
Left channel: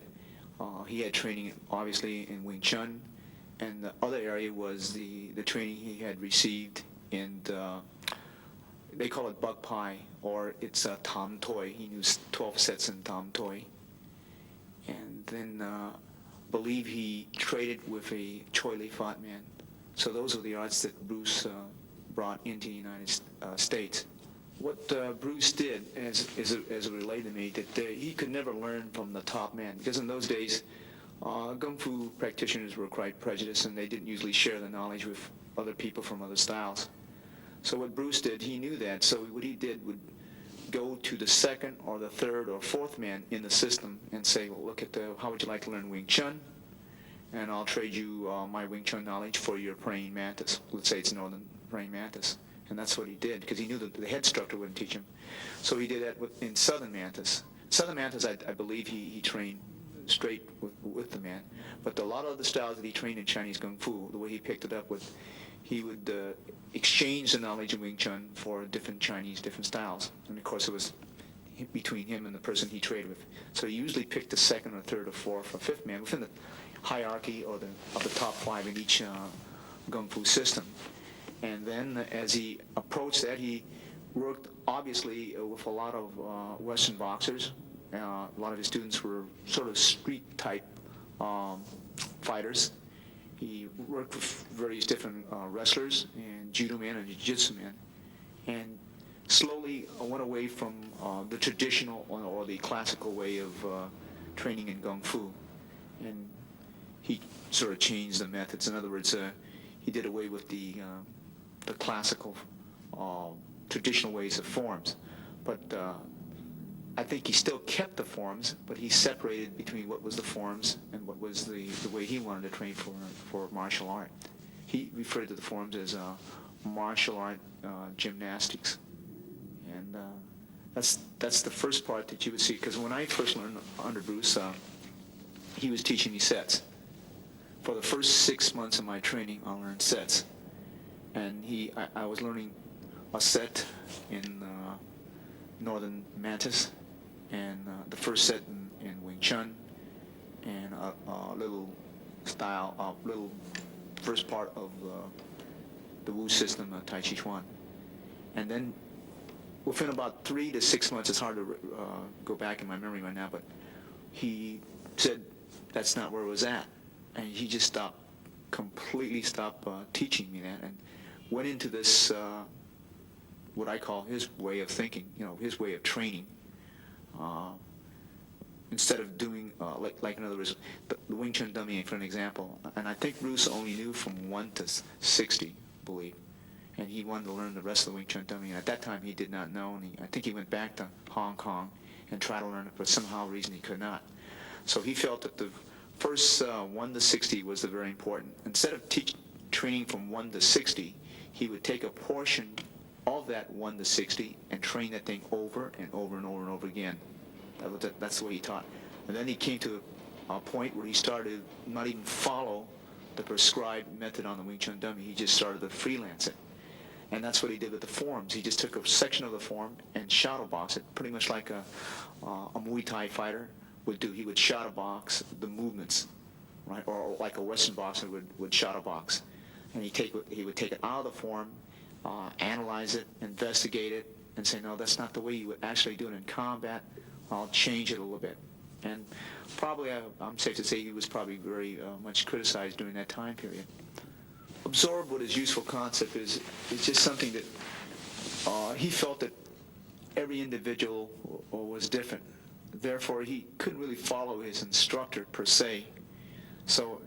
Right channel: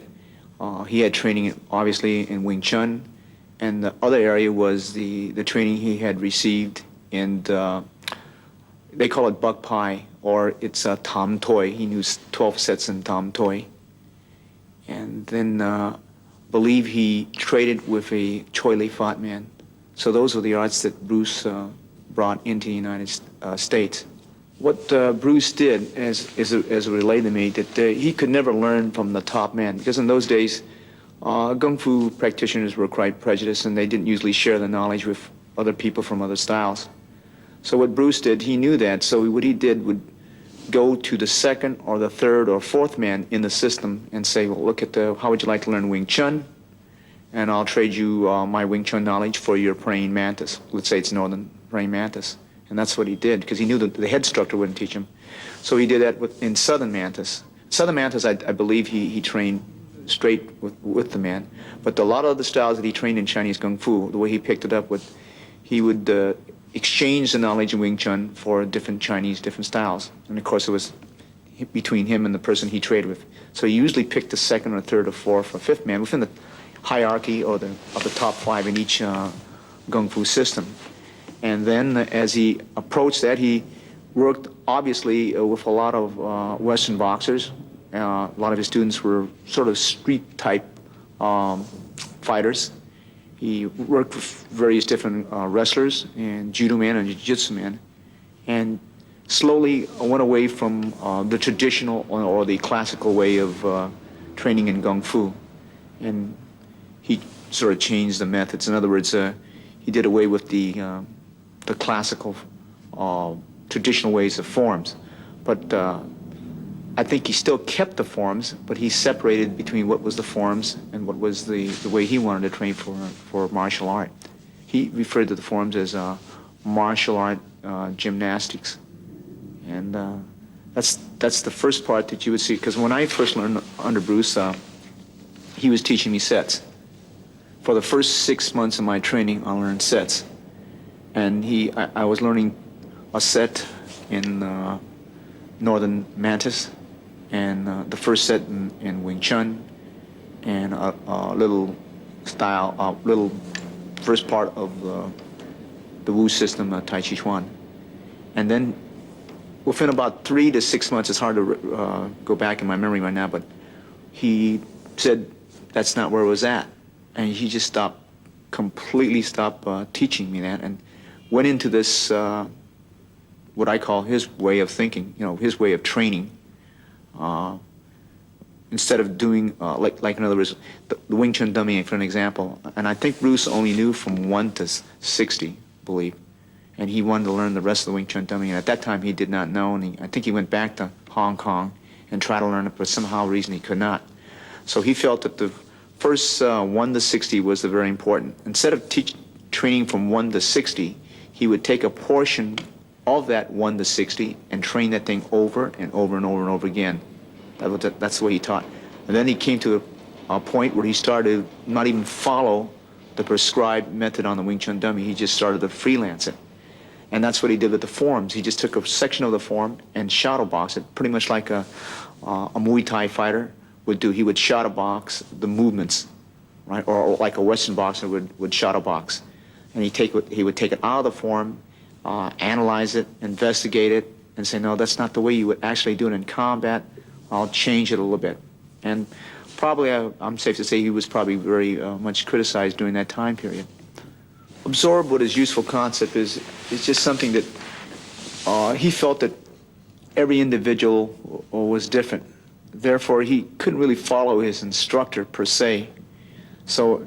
He had training, obviously, in Wing Chun. And the other area was the training he had received in, they call it Buk Pai, or it's Tam Toi. He knew 12 sets in Tam Toi. And then believe he traded with a Choi Lee Fat man. So those were the arts that Bruce brought into the United States. What Bruce did, as it relayed to me, that he could never learn from the top man, because in those days, Kung Fu practitioners were quite prejudiced, and they didn't usually share the knowledge with other people from other styles. So what Bruce did, he knew that, so what he did would go to the second or the third or fourth man in the system and say, well, look at how would you like to learn Wing Chun? And I'll trade you my Wing Chun knowledge for your praying mantis. Let's say it's Northern praying mantis. And that's what he did, because he knew that the head instructor wouldn't teach him. So he did that in Southern mantis. Southern mantis, I believe he trained straight with the man. But a lot of the styles that he trained in Chinese Kung Fu, the way he picked it up, he would exchange the knowledge in Wing Chun for different styles. And of course it was between him and the person he traded with. So he usually picked the second or third or fourth or fifth man within the hierarchy or of the top five in each Kung Fu system. And then as he approached that, he worked obviously with a lot of Western boxers. A lot of his students were sort of street type fighters. He worked with various different wrestlers and judo man and jiu-jitsu man, and slowly went away from the traditional or the classical way of training in Kung Fu. And he sort of changed the methods. In other words, he did away with the classical traditional ways of forms. But I think he still kept the forms, but he separated between what was the forms and what was the way he wanted to train for martial art. He referred to the forms as martial art gymnastics. And that's the first part that you would see, because when I first learned under Bruce, he was teaching me sets. For the first 6 months of my training, I learned sets. And I was learning a set in Northern Mantis, and the first set in Wing Chun, and a little first part of the Wu system, Tai Chi Chuan. And then within about 3 to 6 months, it's hard to go back in my memory right now, but he said that's not where it was at. And he just completely stopped teaching me that, and went into this, what I call his way of thinking, his way of training. Instead of doing, like in other words, the Wing Chun dummy, for an example. And I think Bruce only knew from 1 to 60, I believe. And he wanted to learn the rest of the Wing Chun dummy. And at that time, he did not know. And I think he went back to Hong Kong and tried to learn it, but somehow reason he could not. So he felt that the first 1 to 60 was the very important. Instead of training from 1 to 60, he would take a portion of that 1 to 60 and train that thing over and over and over and over again. That's the way he taught. And then he came to a point where he started to not even follow the prescribed method on the Wing Chun dummy. He just started to freelance it. And that's what he did with the forms. He just took a section of the form and shadow box it, pretty much like a Muay Thai fighter would do. He would shadow box the movements, right? Or like a Western boxer would shadow box. And he would take it out of the form, analyze it, investigate it, and say, no, that's not the way you would actually do it in combat. I'll change it a little bit. And probably, I'm safe to say, he was probably very much criticized during that time period. Absorb what his useful concept is just something that he felt that every individual was different. Therefore, he couldn't really follow his instructor per se. So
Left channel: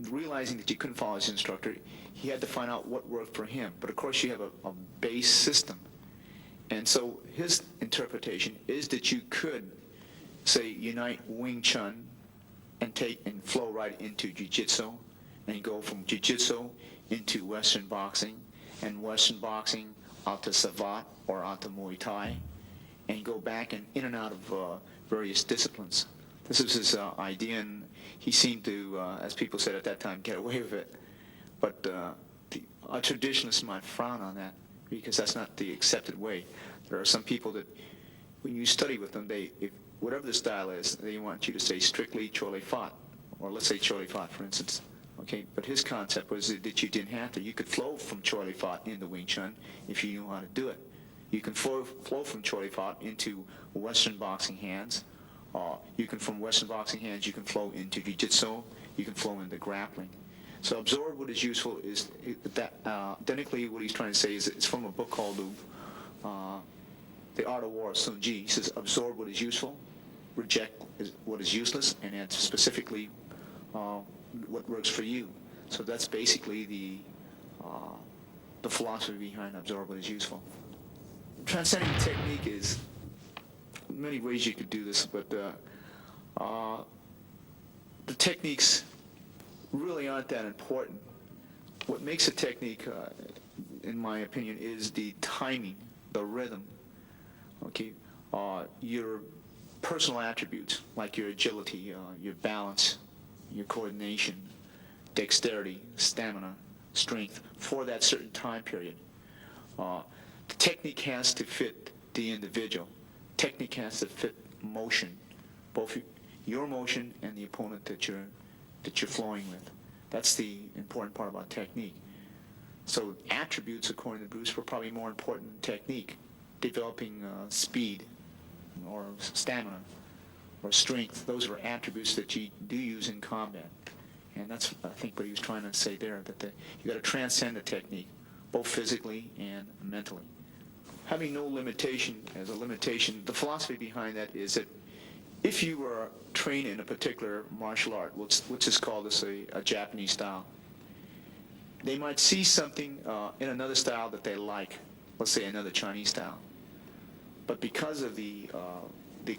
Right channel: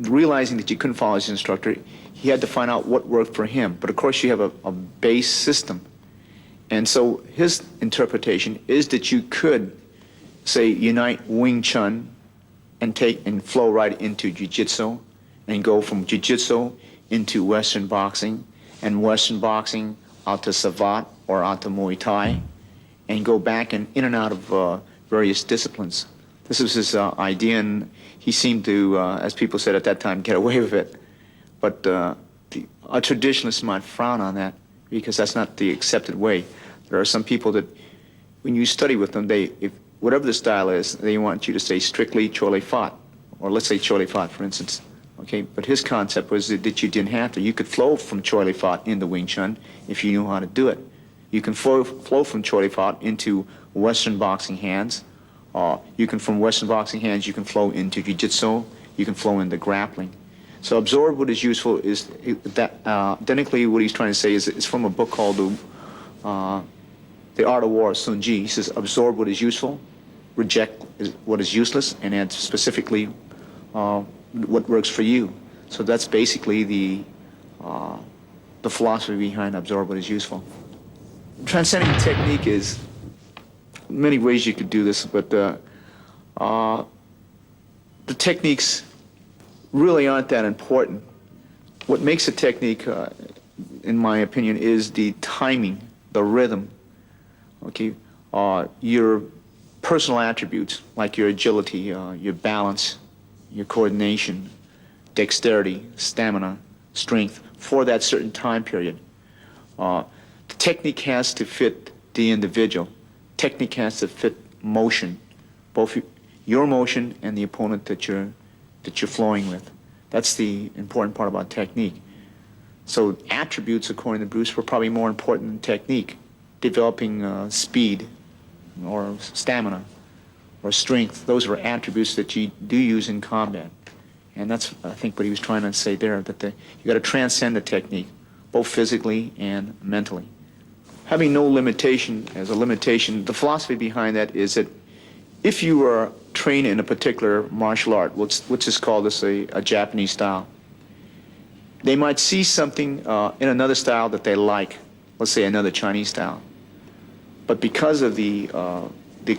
realizing that you couldn't follow his instructor, he had to find out what worked for him. But of course you have a base system. And so his interpretation is that you could, say, unite Wing Chun and flow right into Jiu-Jitsu, and go from Jiu-Jitsu into Western boxing, and Western boxing out to Savate or out to Muay Thai, and go back and in and out of various disciplines. This was his idea, and he seemed to, as people said at that time, get away with it. But a traditionalist might frown on that because that's not the accepted way. There are some people that, when you study with them, whatever the style is, they want you to say strictly Chole Fat, or let's say Chole Fat, for instance. Okay, but his concept was that you didn't have to. You could flow from Chole Fat into Wing Chun if you knew how to do it. You can flow from Chole Fat into Western boxing hands. You can, from Western boxing hands, you can flow into Jiu-Jitsu. You can flow into grappling. So absorb what is useful is that, identically what he's trying to say is it's from a book called The Art of War, Sun Ji. He says absorb what is useful, reject what is useless, and add specifically what works for you. So that's basically the philosophy behind absorb what is useful. Transcending technique is many ways you could do this, but the techniques really aren't that important. What makes a technique, in my opinion, is the timing, the rhythm. Okay, your personal attributes like your agility, your balance, your coordination, dexterity, stamina, strength for that certain time period. The technique has to fit the individual. Technique has to fit motion, both your motion and the opponent that you're flowing with. That's the important part about technique. So attributes, according to Bruce, were probably more important than technique. Developing speed or stamina or strength, those were attributes that you do use in combat. And that's, I think, what he was trying to say there, that you got to transcend the technique, both physically and mentally. Having no limitation as a limitation, the philosophy behind that is that if you are trained in a particular martial art, which is called a Japanese style, they might see something in another style that they like, let's say another Chinese style. But because of the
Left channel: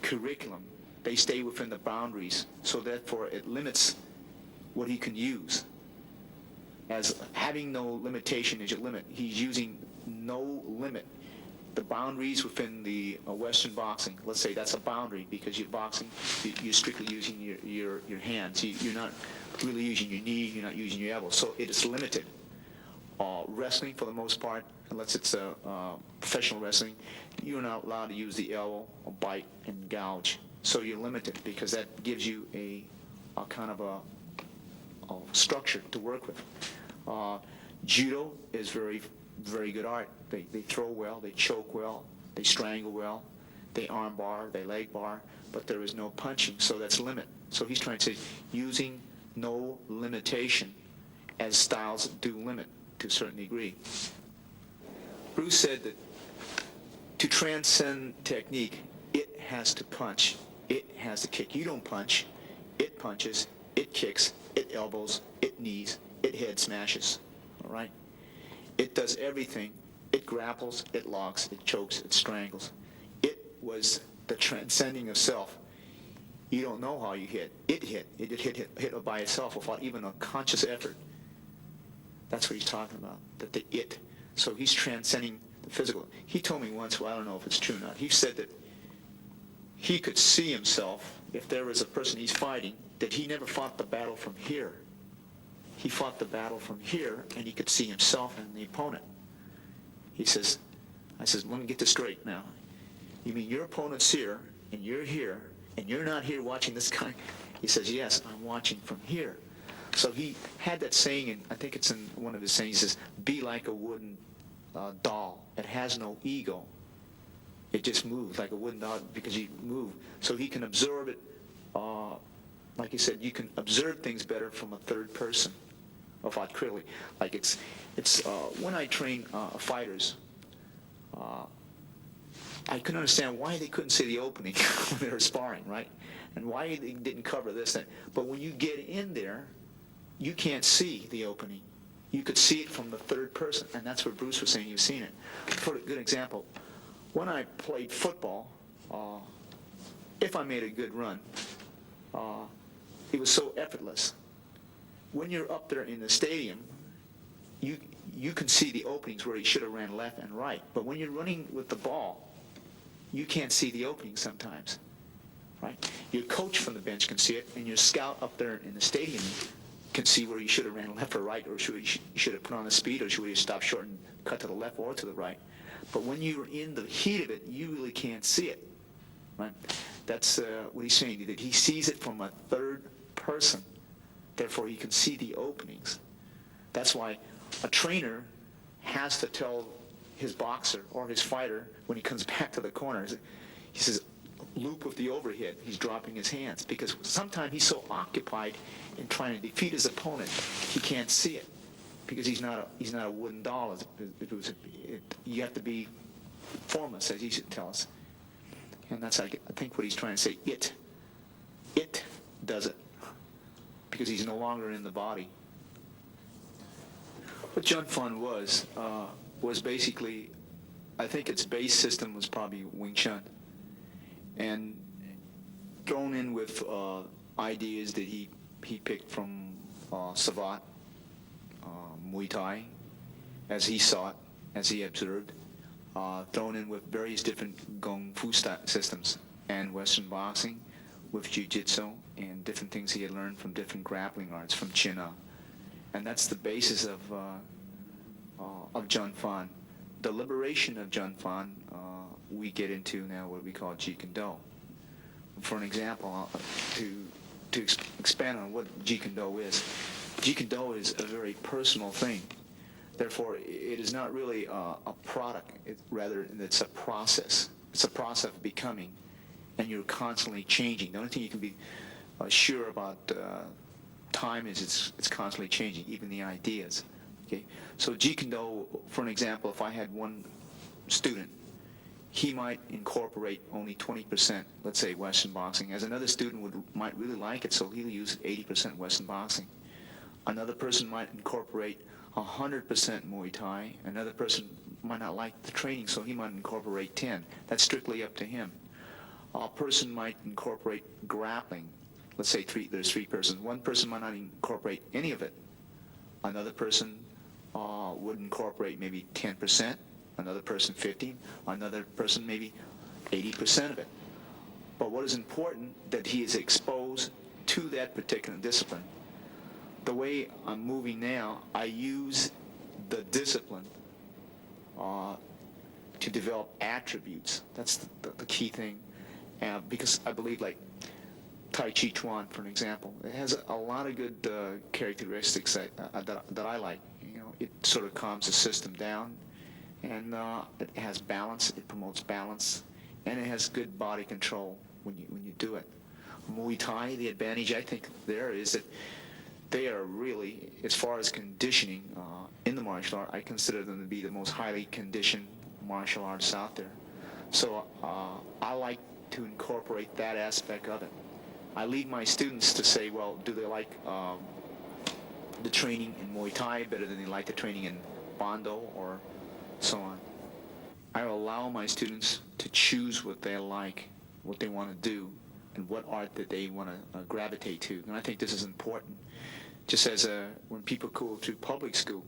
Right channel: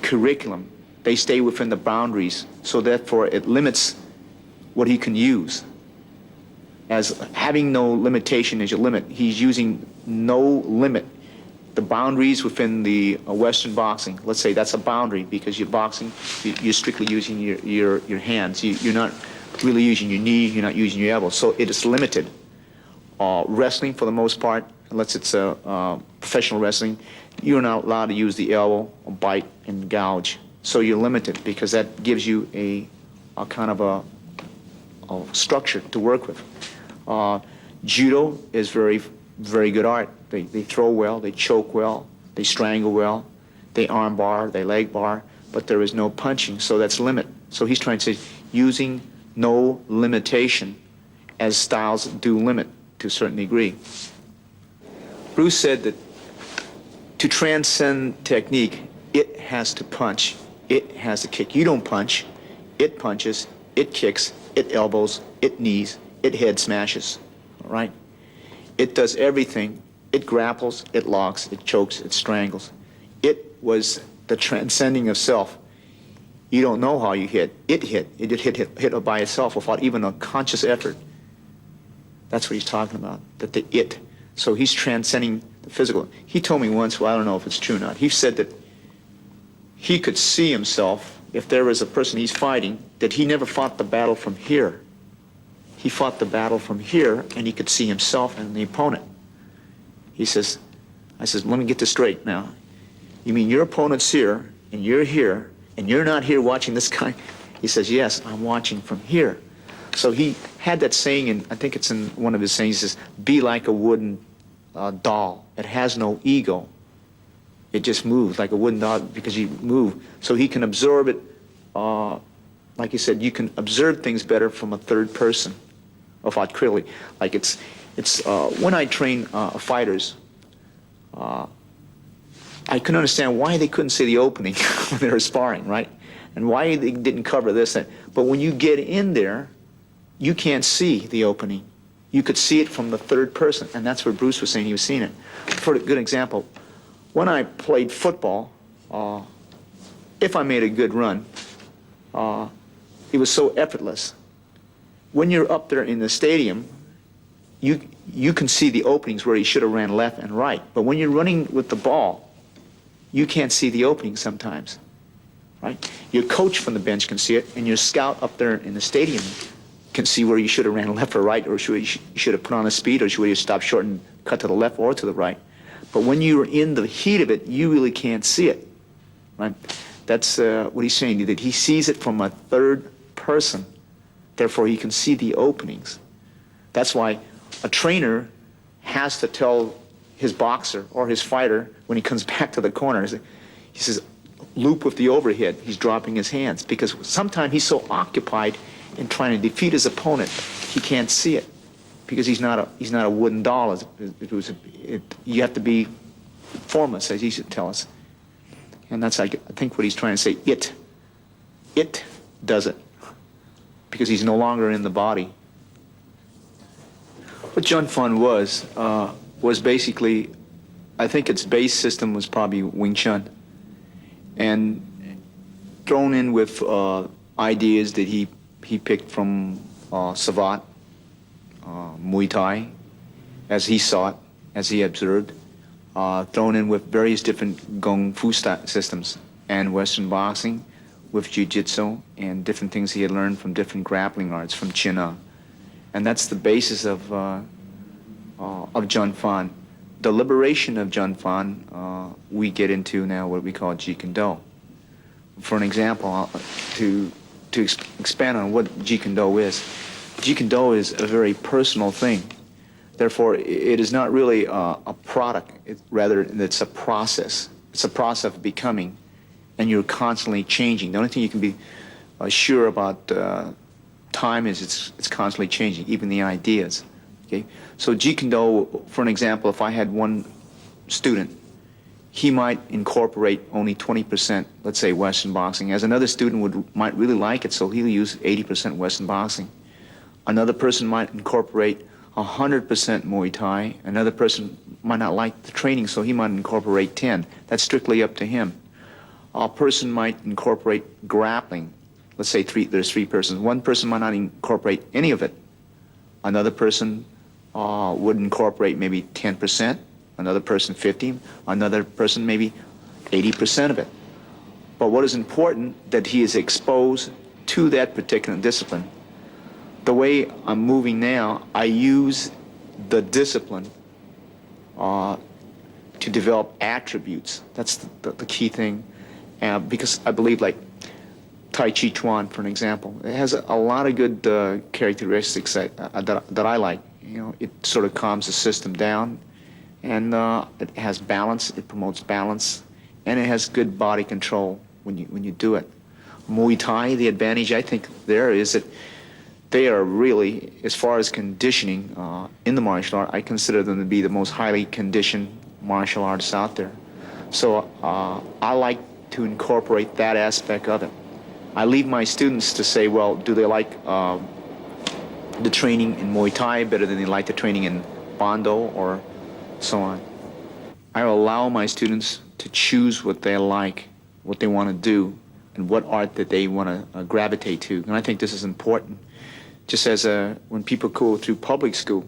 curriculum, they stay within the boundaries, so therefore it limits what he can use. As having no limitation is your limit, he's using no limit. The boundaries within the Western boxing, let's say that's a boundary because you're boxing, you're strictly using your hands. You're not really using your knee, you're not using your elbow, so it is limited. Wrestling, for the most part, unless it's professional wrestling, you're not allowed to use the elbow or bite and gouge. So you're limited because that gives you a kind of a structure to work with. Judo is very, very good art. They throw well, they choke well, they strangle well, they arm bar, they leg bar, but there is no punching, so that's limit. So he's trying to say using no limitation as styles do limit to a certain degree. Bruce said that to transcend technique, it has to punch, it has to kick. You don't punch, it punches, it kicks, it elbows, it knees, it head smashes, all right? It does everything. It grapples, it locks, it chokes, it strangles. It was the transcending of self. You don't know how you hit. It hit by itself without even a conscious effort. That's what he's talking about, that the it. So he's transcending the physical. He told me once, well, I don't know if it's true or not, he said that he could see himself, if there was a person he's fighting, that he never fought the battle from here. He fought the battle from here, and he could see himself and the opponent. He says, I says, let me get this straight now. You mean your opponent's here, and you're not here watching this guy? He says, yes, I'm watching from here. So he had that saying, and I think it's in one of his sayings, he says, be like a wooden doll. It has no ego. It just moves like a wooden doll because you move. So he can absorb it, like he said, you can observe things better from a third person, without clearly. Like it's when I train fighters, I couldn't understand why they couldn't see the opening when they were sparring, right? And why they didn't cover this. But when you get in there, you can't see the opening. You could see it from the third person, and that's what Bruce was saying he was seeing it. For a good example, when I played football, if I made a good run, it was so effortless. When you're up there in the stadium, you can see the openings where he should have ran left and right. But when you're running with the ball, you can't see the openings sometimes, right? Your coach from the bench can see it, and your scout up there in the stadium can see where you should have ran left or right, or you should have put on a speed, or should you stop short and cut to the left or to the right. But when you're in the heat of it, you really can't see it, right? That's what he's saying, that he sees it from a third person. Therefore, he can see the openings. That's why a trainer has to tell his boxer or his fighter when he comes back to the corner, he says, loop with the overhead. He's dropping his hands because sometimes he's so occupied in trying to defeat his opponent, he can't see it because he's not a wooden doll. You have to be formless, as he should tell us. And that's, I think, what he's trying to say. It does it because he's no longer in the body. What Jun Fan was basically, I think its base system was probably Wing Chun, and thrown in with ideas that he picked from Savate, Muay Thai, as he saw it, as he observed, thrown in with various different Kung Fu systems and Western boxing with Jiu-Jitsu and different things he had learned from different grappling arts from China. And that's the basis of Jun Fan. The liberation of Jun Fan, we get into now what we call Jeet Kune Do. For an example, to expand on what Jeet Kune Do is, Jeet Kune Do is a very personal thing. Therefore, it is not really a product. Rather, it's a process. It's a process of becoming, and you're constantly changing. The only thing you can be sure about time is it's constantly changing, even the ideas. Okay, so Jeet Kune Do, for an example, if I had one student, he might incorporate only 20%, let's say, Western boxing, as another student might really like it, so he'll use 80% Western boxing. Another person might incorporate 100% Muay Thai. Another person might not like the training, so he might incorporate 10. That's strictly up to him. A person might incorporate grappling. Let's say there's three persons. One person might not incorporate any of it. Another person would incorporate maybe 10%. Another person 50%. Another person maybe 80% of it. But what is important, that he is exposed to that particular discipline. The way I'm moving now, I use the discipline to develop attributes. That's the key thing. Because I believe, like Tai Chi Chuan, for an example, it has a lot of good characteristics that I like. You know, it sort of calms the system down, and it has balance. It promotes balance, and it has good body control when you do it. Muay Thai, the advantage I think there is that they are really, as far as conditioning in the martial art, I consider them to be the most highly conditioned martial artists out there. So I like to incorporate that aspect of it. I leave my students to say, well, do they like the training in Muay Thai better than they like the training in Bondo or so on. I allow my students to choose what they like, what they want to do, and what art that they want to gravitate to. And I think this is important. Just as when people go through public school,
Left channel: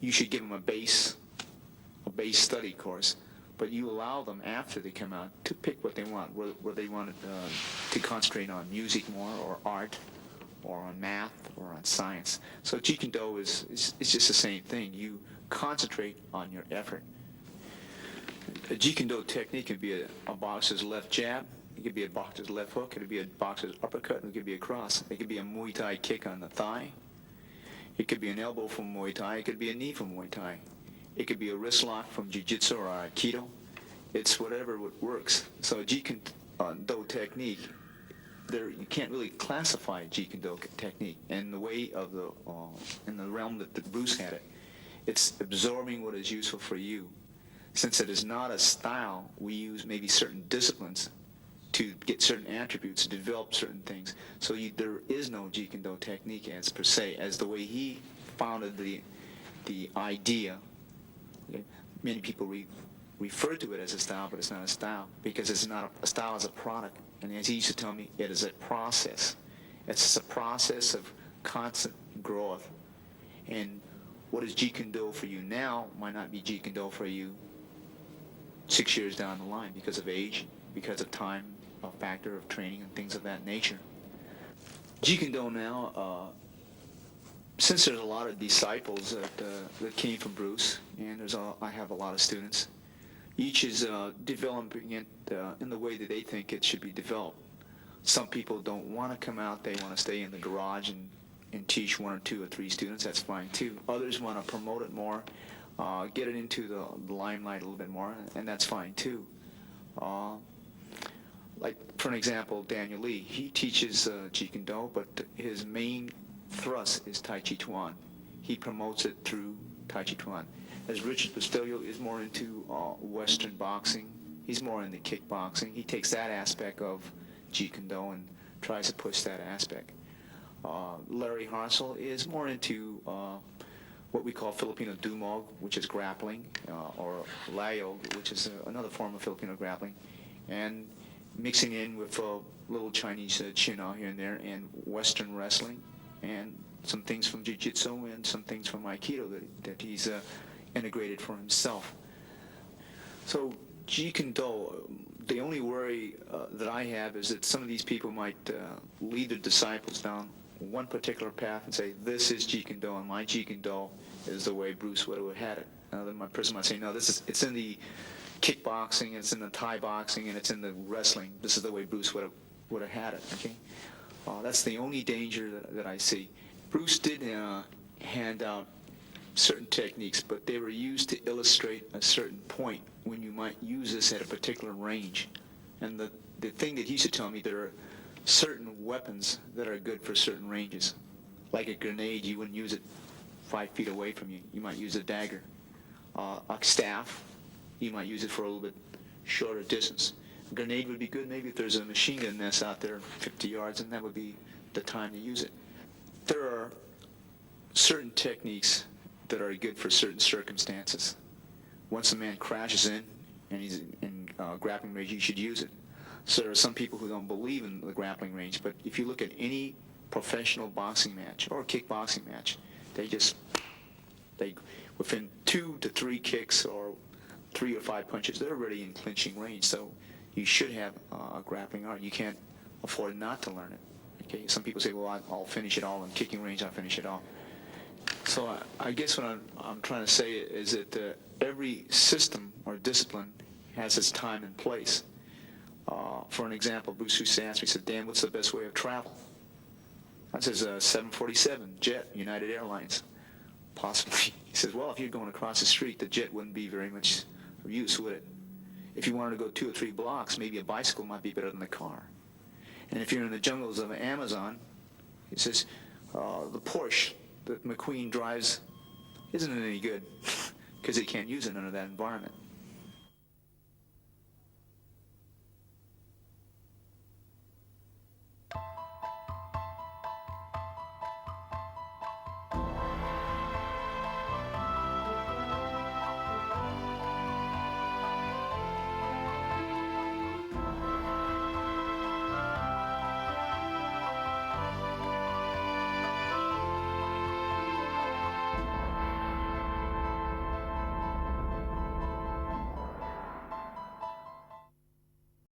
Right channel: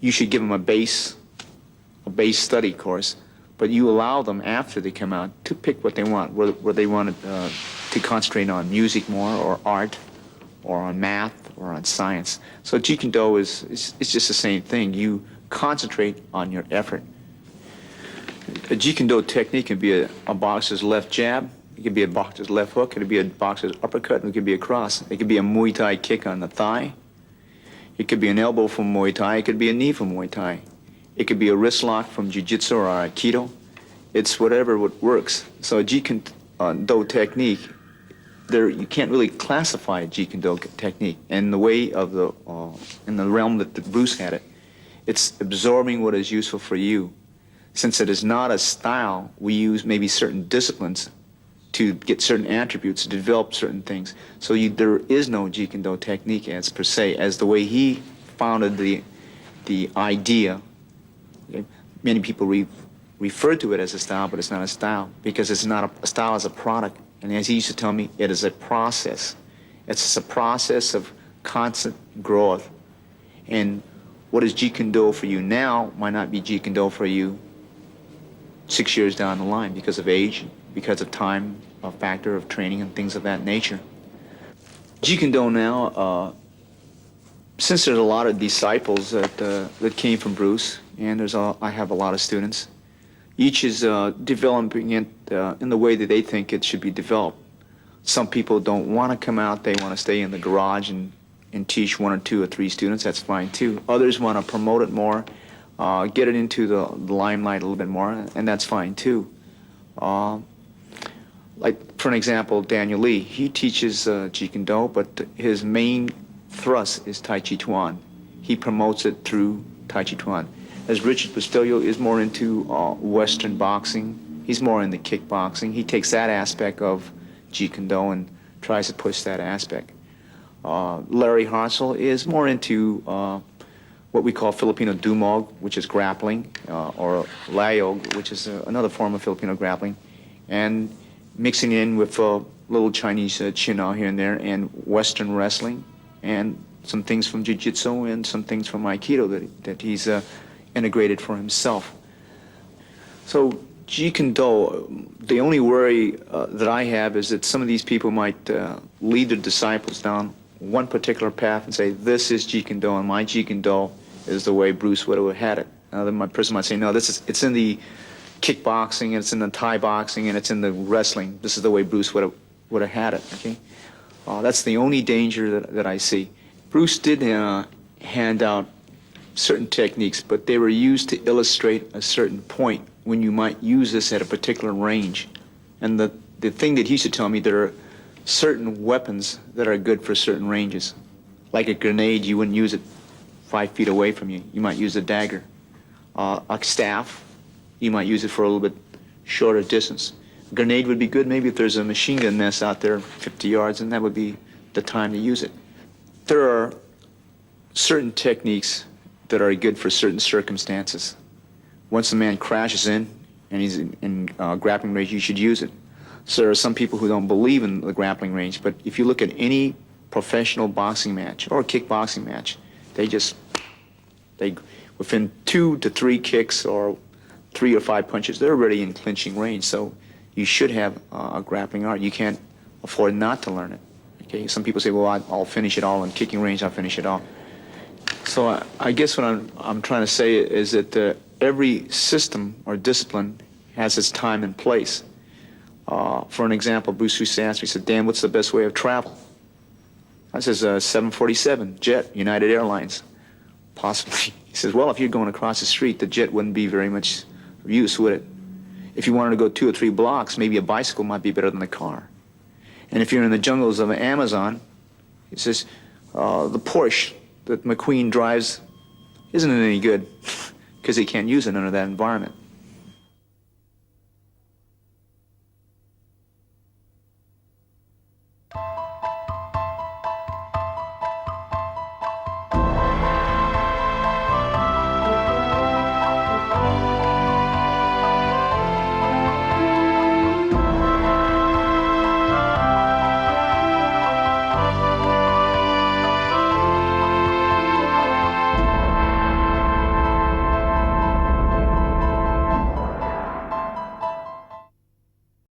you should give them a base study course, but you allow them after they come out to pick what they want, where they want to concentrate on music more, or art, or on math, or on science. So Jeet Kune Do is just the same thing. You concentrate on your effort. A Jeet Kune Do technique can be a boxer's left jab. It could be a boxer's left hook. It could be a boxer's uppercut. And it could be a cross. It could be a Muay Thai kick on the thigh. It could be an elbow from Muay Thai. It could be a knee from Muay Thai. It could be a wrist lock from Jiu-Jitsu or Aikido. It's whatever works. So a Jeet Kune Do technique, you can't really classify a Jeet Kune Do technique. In the way of in the realm that Bruce had it, it's absorbing what is useful for you. Since it is not a style, we use maybe certain disciplines to get certain attributes, to develop certain things. So there is no Jeet Kune Do technique as per se, as the way he founded the idea. Okay? Many people refer to it as a style, but it's not a style, because it's not a style as a product. And as he used to tell me, it is a process. It's a process of constant growth. And what is Jeet Kune Do for you now might not be Jeet Kune Do for you 6 years down the line because of age, because of time, a factor of training and things of that nature. Jeet Kune Do now, since there's a lot of disciples that came from Bruce, and I have a lot of students, each is developing it in the way that they think it should be developed. Some people don't want to come out, they want to stay in the garage and teach 1 or 2 or 3 students, that's fine too. Others want to promote it more, get it into the limelight a little bit more, and that's fine too. Like, for an example, Daniel Lee, he teaches Jeet Kune Do, but his main thrust is Tai Chi Chuan. He promotes it through Tai Chi Chuan. As Richard Bustillo is more into Western boxing, he's more into kickboxing. He takes that aspect of Jeet Kune Do and tries to push that aspect. Larry Hartzell is more into what we call Filipino Dumog, which is grappling, or Layog, which is another form of Filipino grappling, and mixing in with a little Chinese Chin-Ao here and there, and Western wrestling, and some things from Jiu-Jitsu and some things from Aikido that he's integrated for himself. So Jeet Kune Do, the only worry that I have is that some of these people might lead their disciples down one particular path and say, this is Jeet Kune Do, and my Jeet Kune Do is the way Bruce would have had it. Then my person might say, no, it's in the kickboxing, and it's in the Thai boxing, and it's in the wrestling. This is the way Bruce would have had it, okay? That's the only danger that I see. Bruce did hand out certain techniques, but they were used to illustrate a certain point when you might use this at a particular range. And the thing that he used to tell me, there are certain weapons that are good for certain ranges. Like a grenade, you wouldn't use it 5 feet away from you. You might use a dagger. A staff, you might use it for a little bit shorter distance. A grenade would be good maybe if there's a machine gun nest out there 50 yards, and that would be the time to use it. There are certain techniques that are good for certain circumstances. Once a man crashes in and he's in grappling range, you should use it. So there are some people who don't believe in the grappling range, but if you look at any professional boxing match or kickboxing match, they within 2 to 3 kicks or 3 or 5 punches, they're already in clinching range. So you should have a grappling art. You can't afford not to learn it. Okay, some people say, well, I'll finish it all in kicking range. I'll finish it all. So I guess what I'm trying to say is that every system or discipline has its time and place. For an example, Bruce used to ask me, he said, Dan, what's the best way of travel? I says, 747, jet, United Airlines, possibly. He says, well, if you're going across the street, the jet wouldn't be very much use, would it? If you wanted to go 2 or 3 blocks, maybe a bicycle might be better than a car. And if you're in the jungles of Amazon, he says, the Porsche that McQueen drives isn't any good because he can't use it under that environment.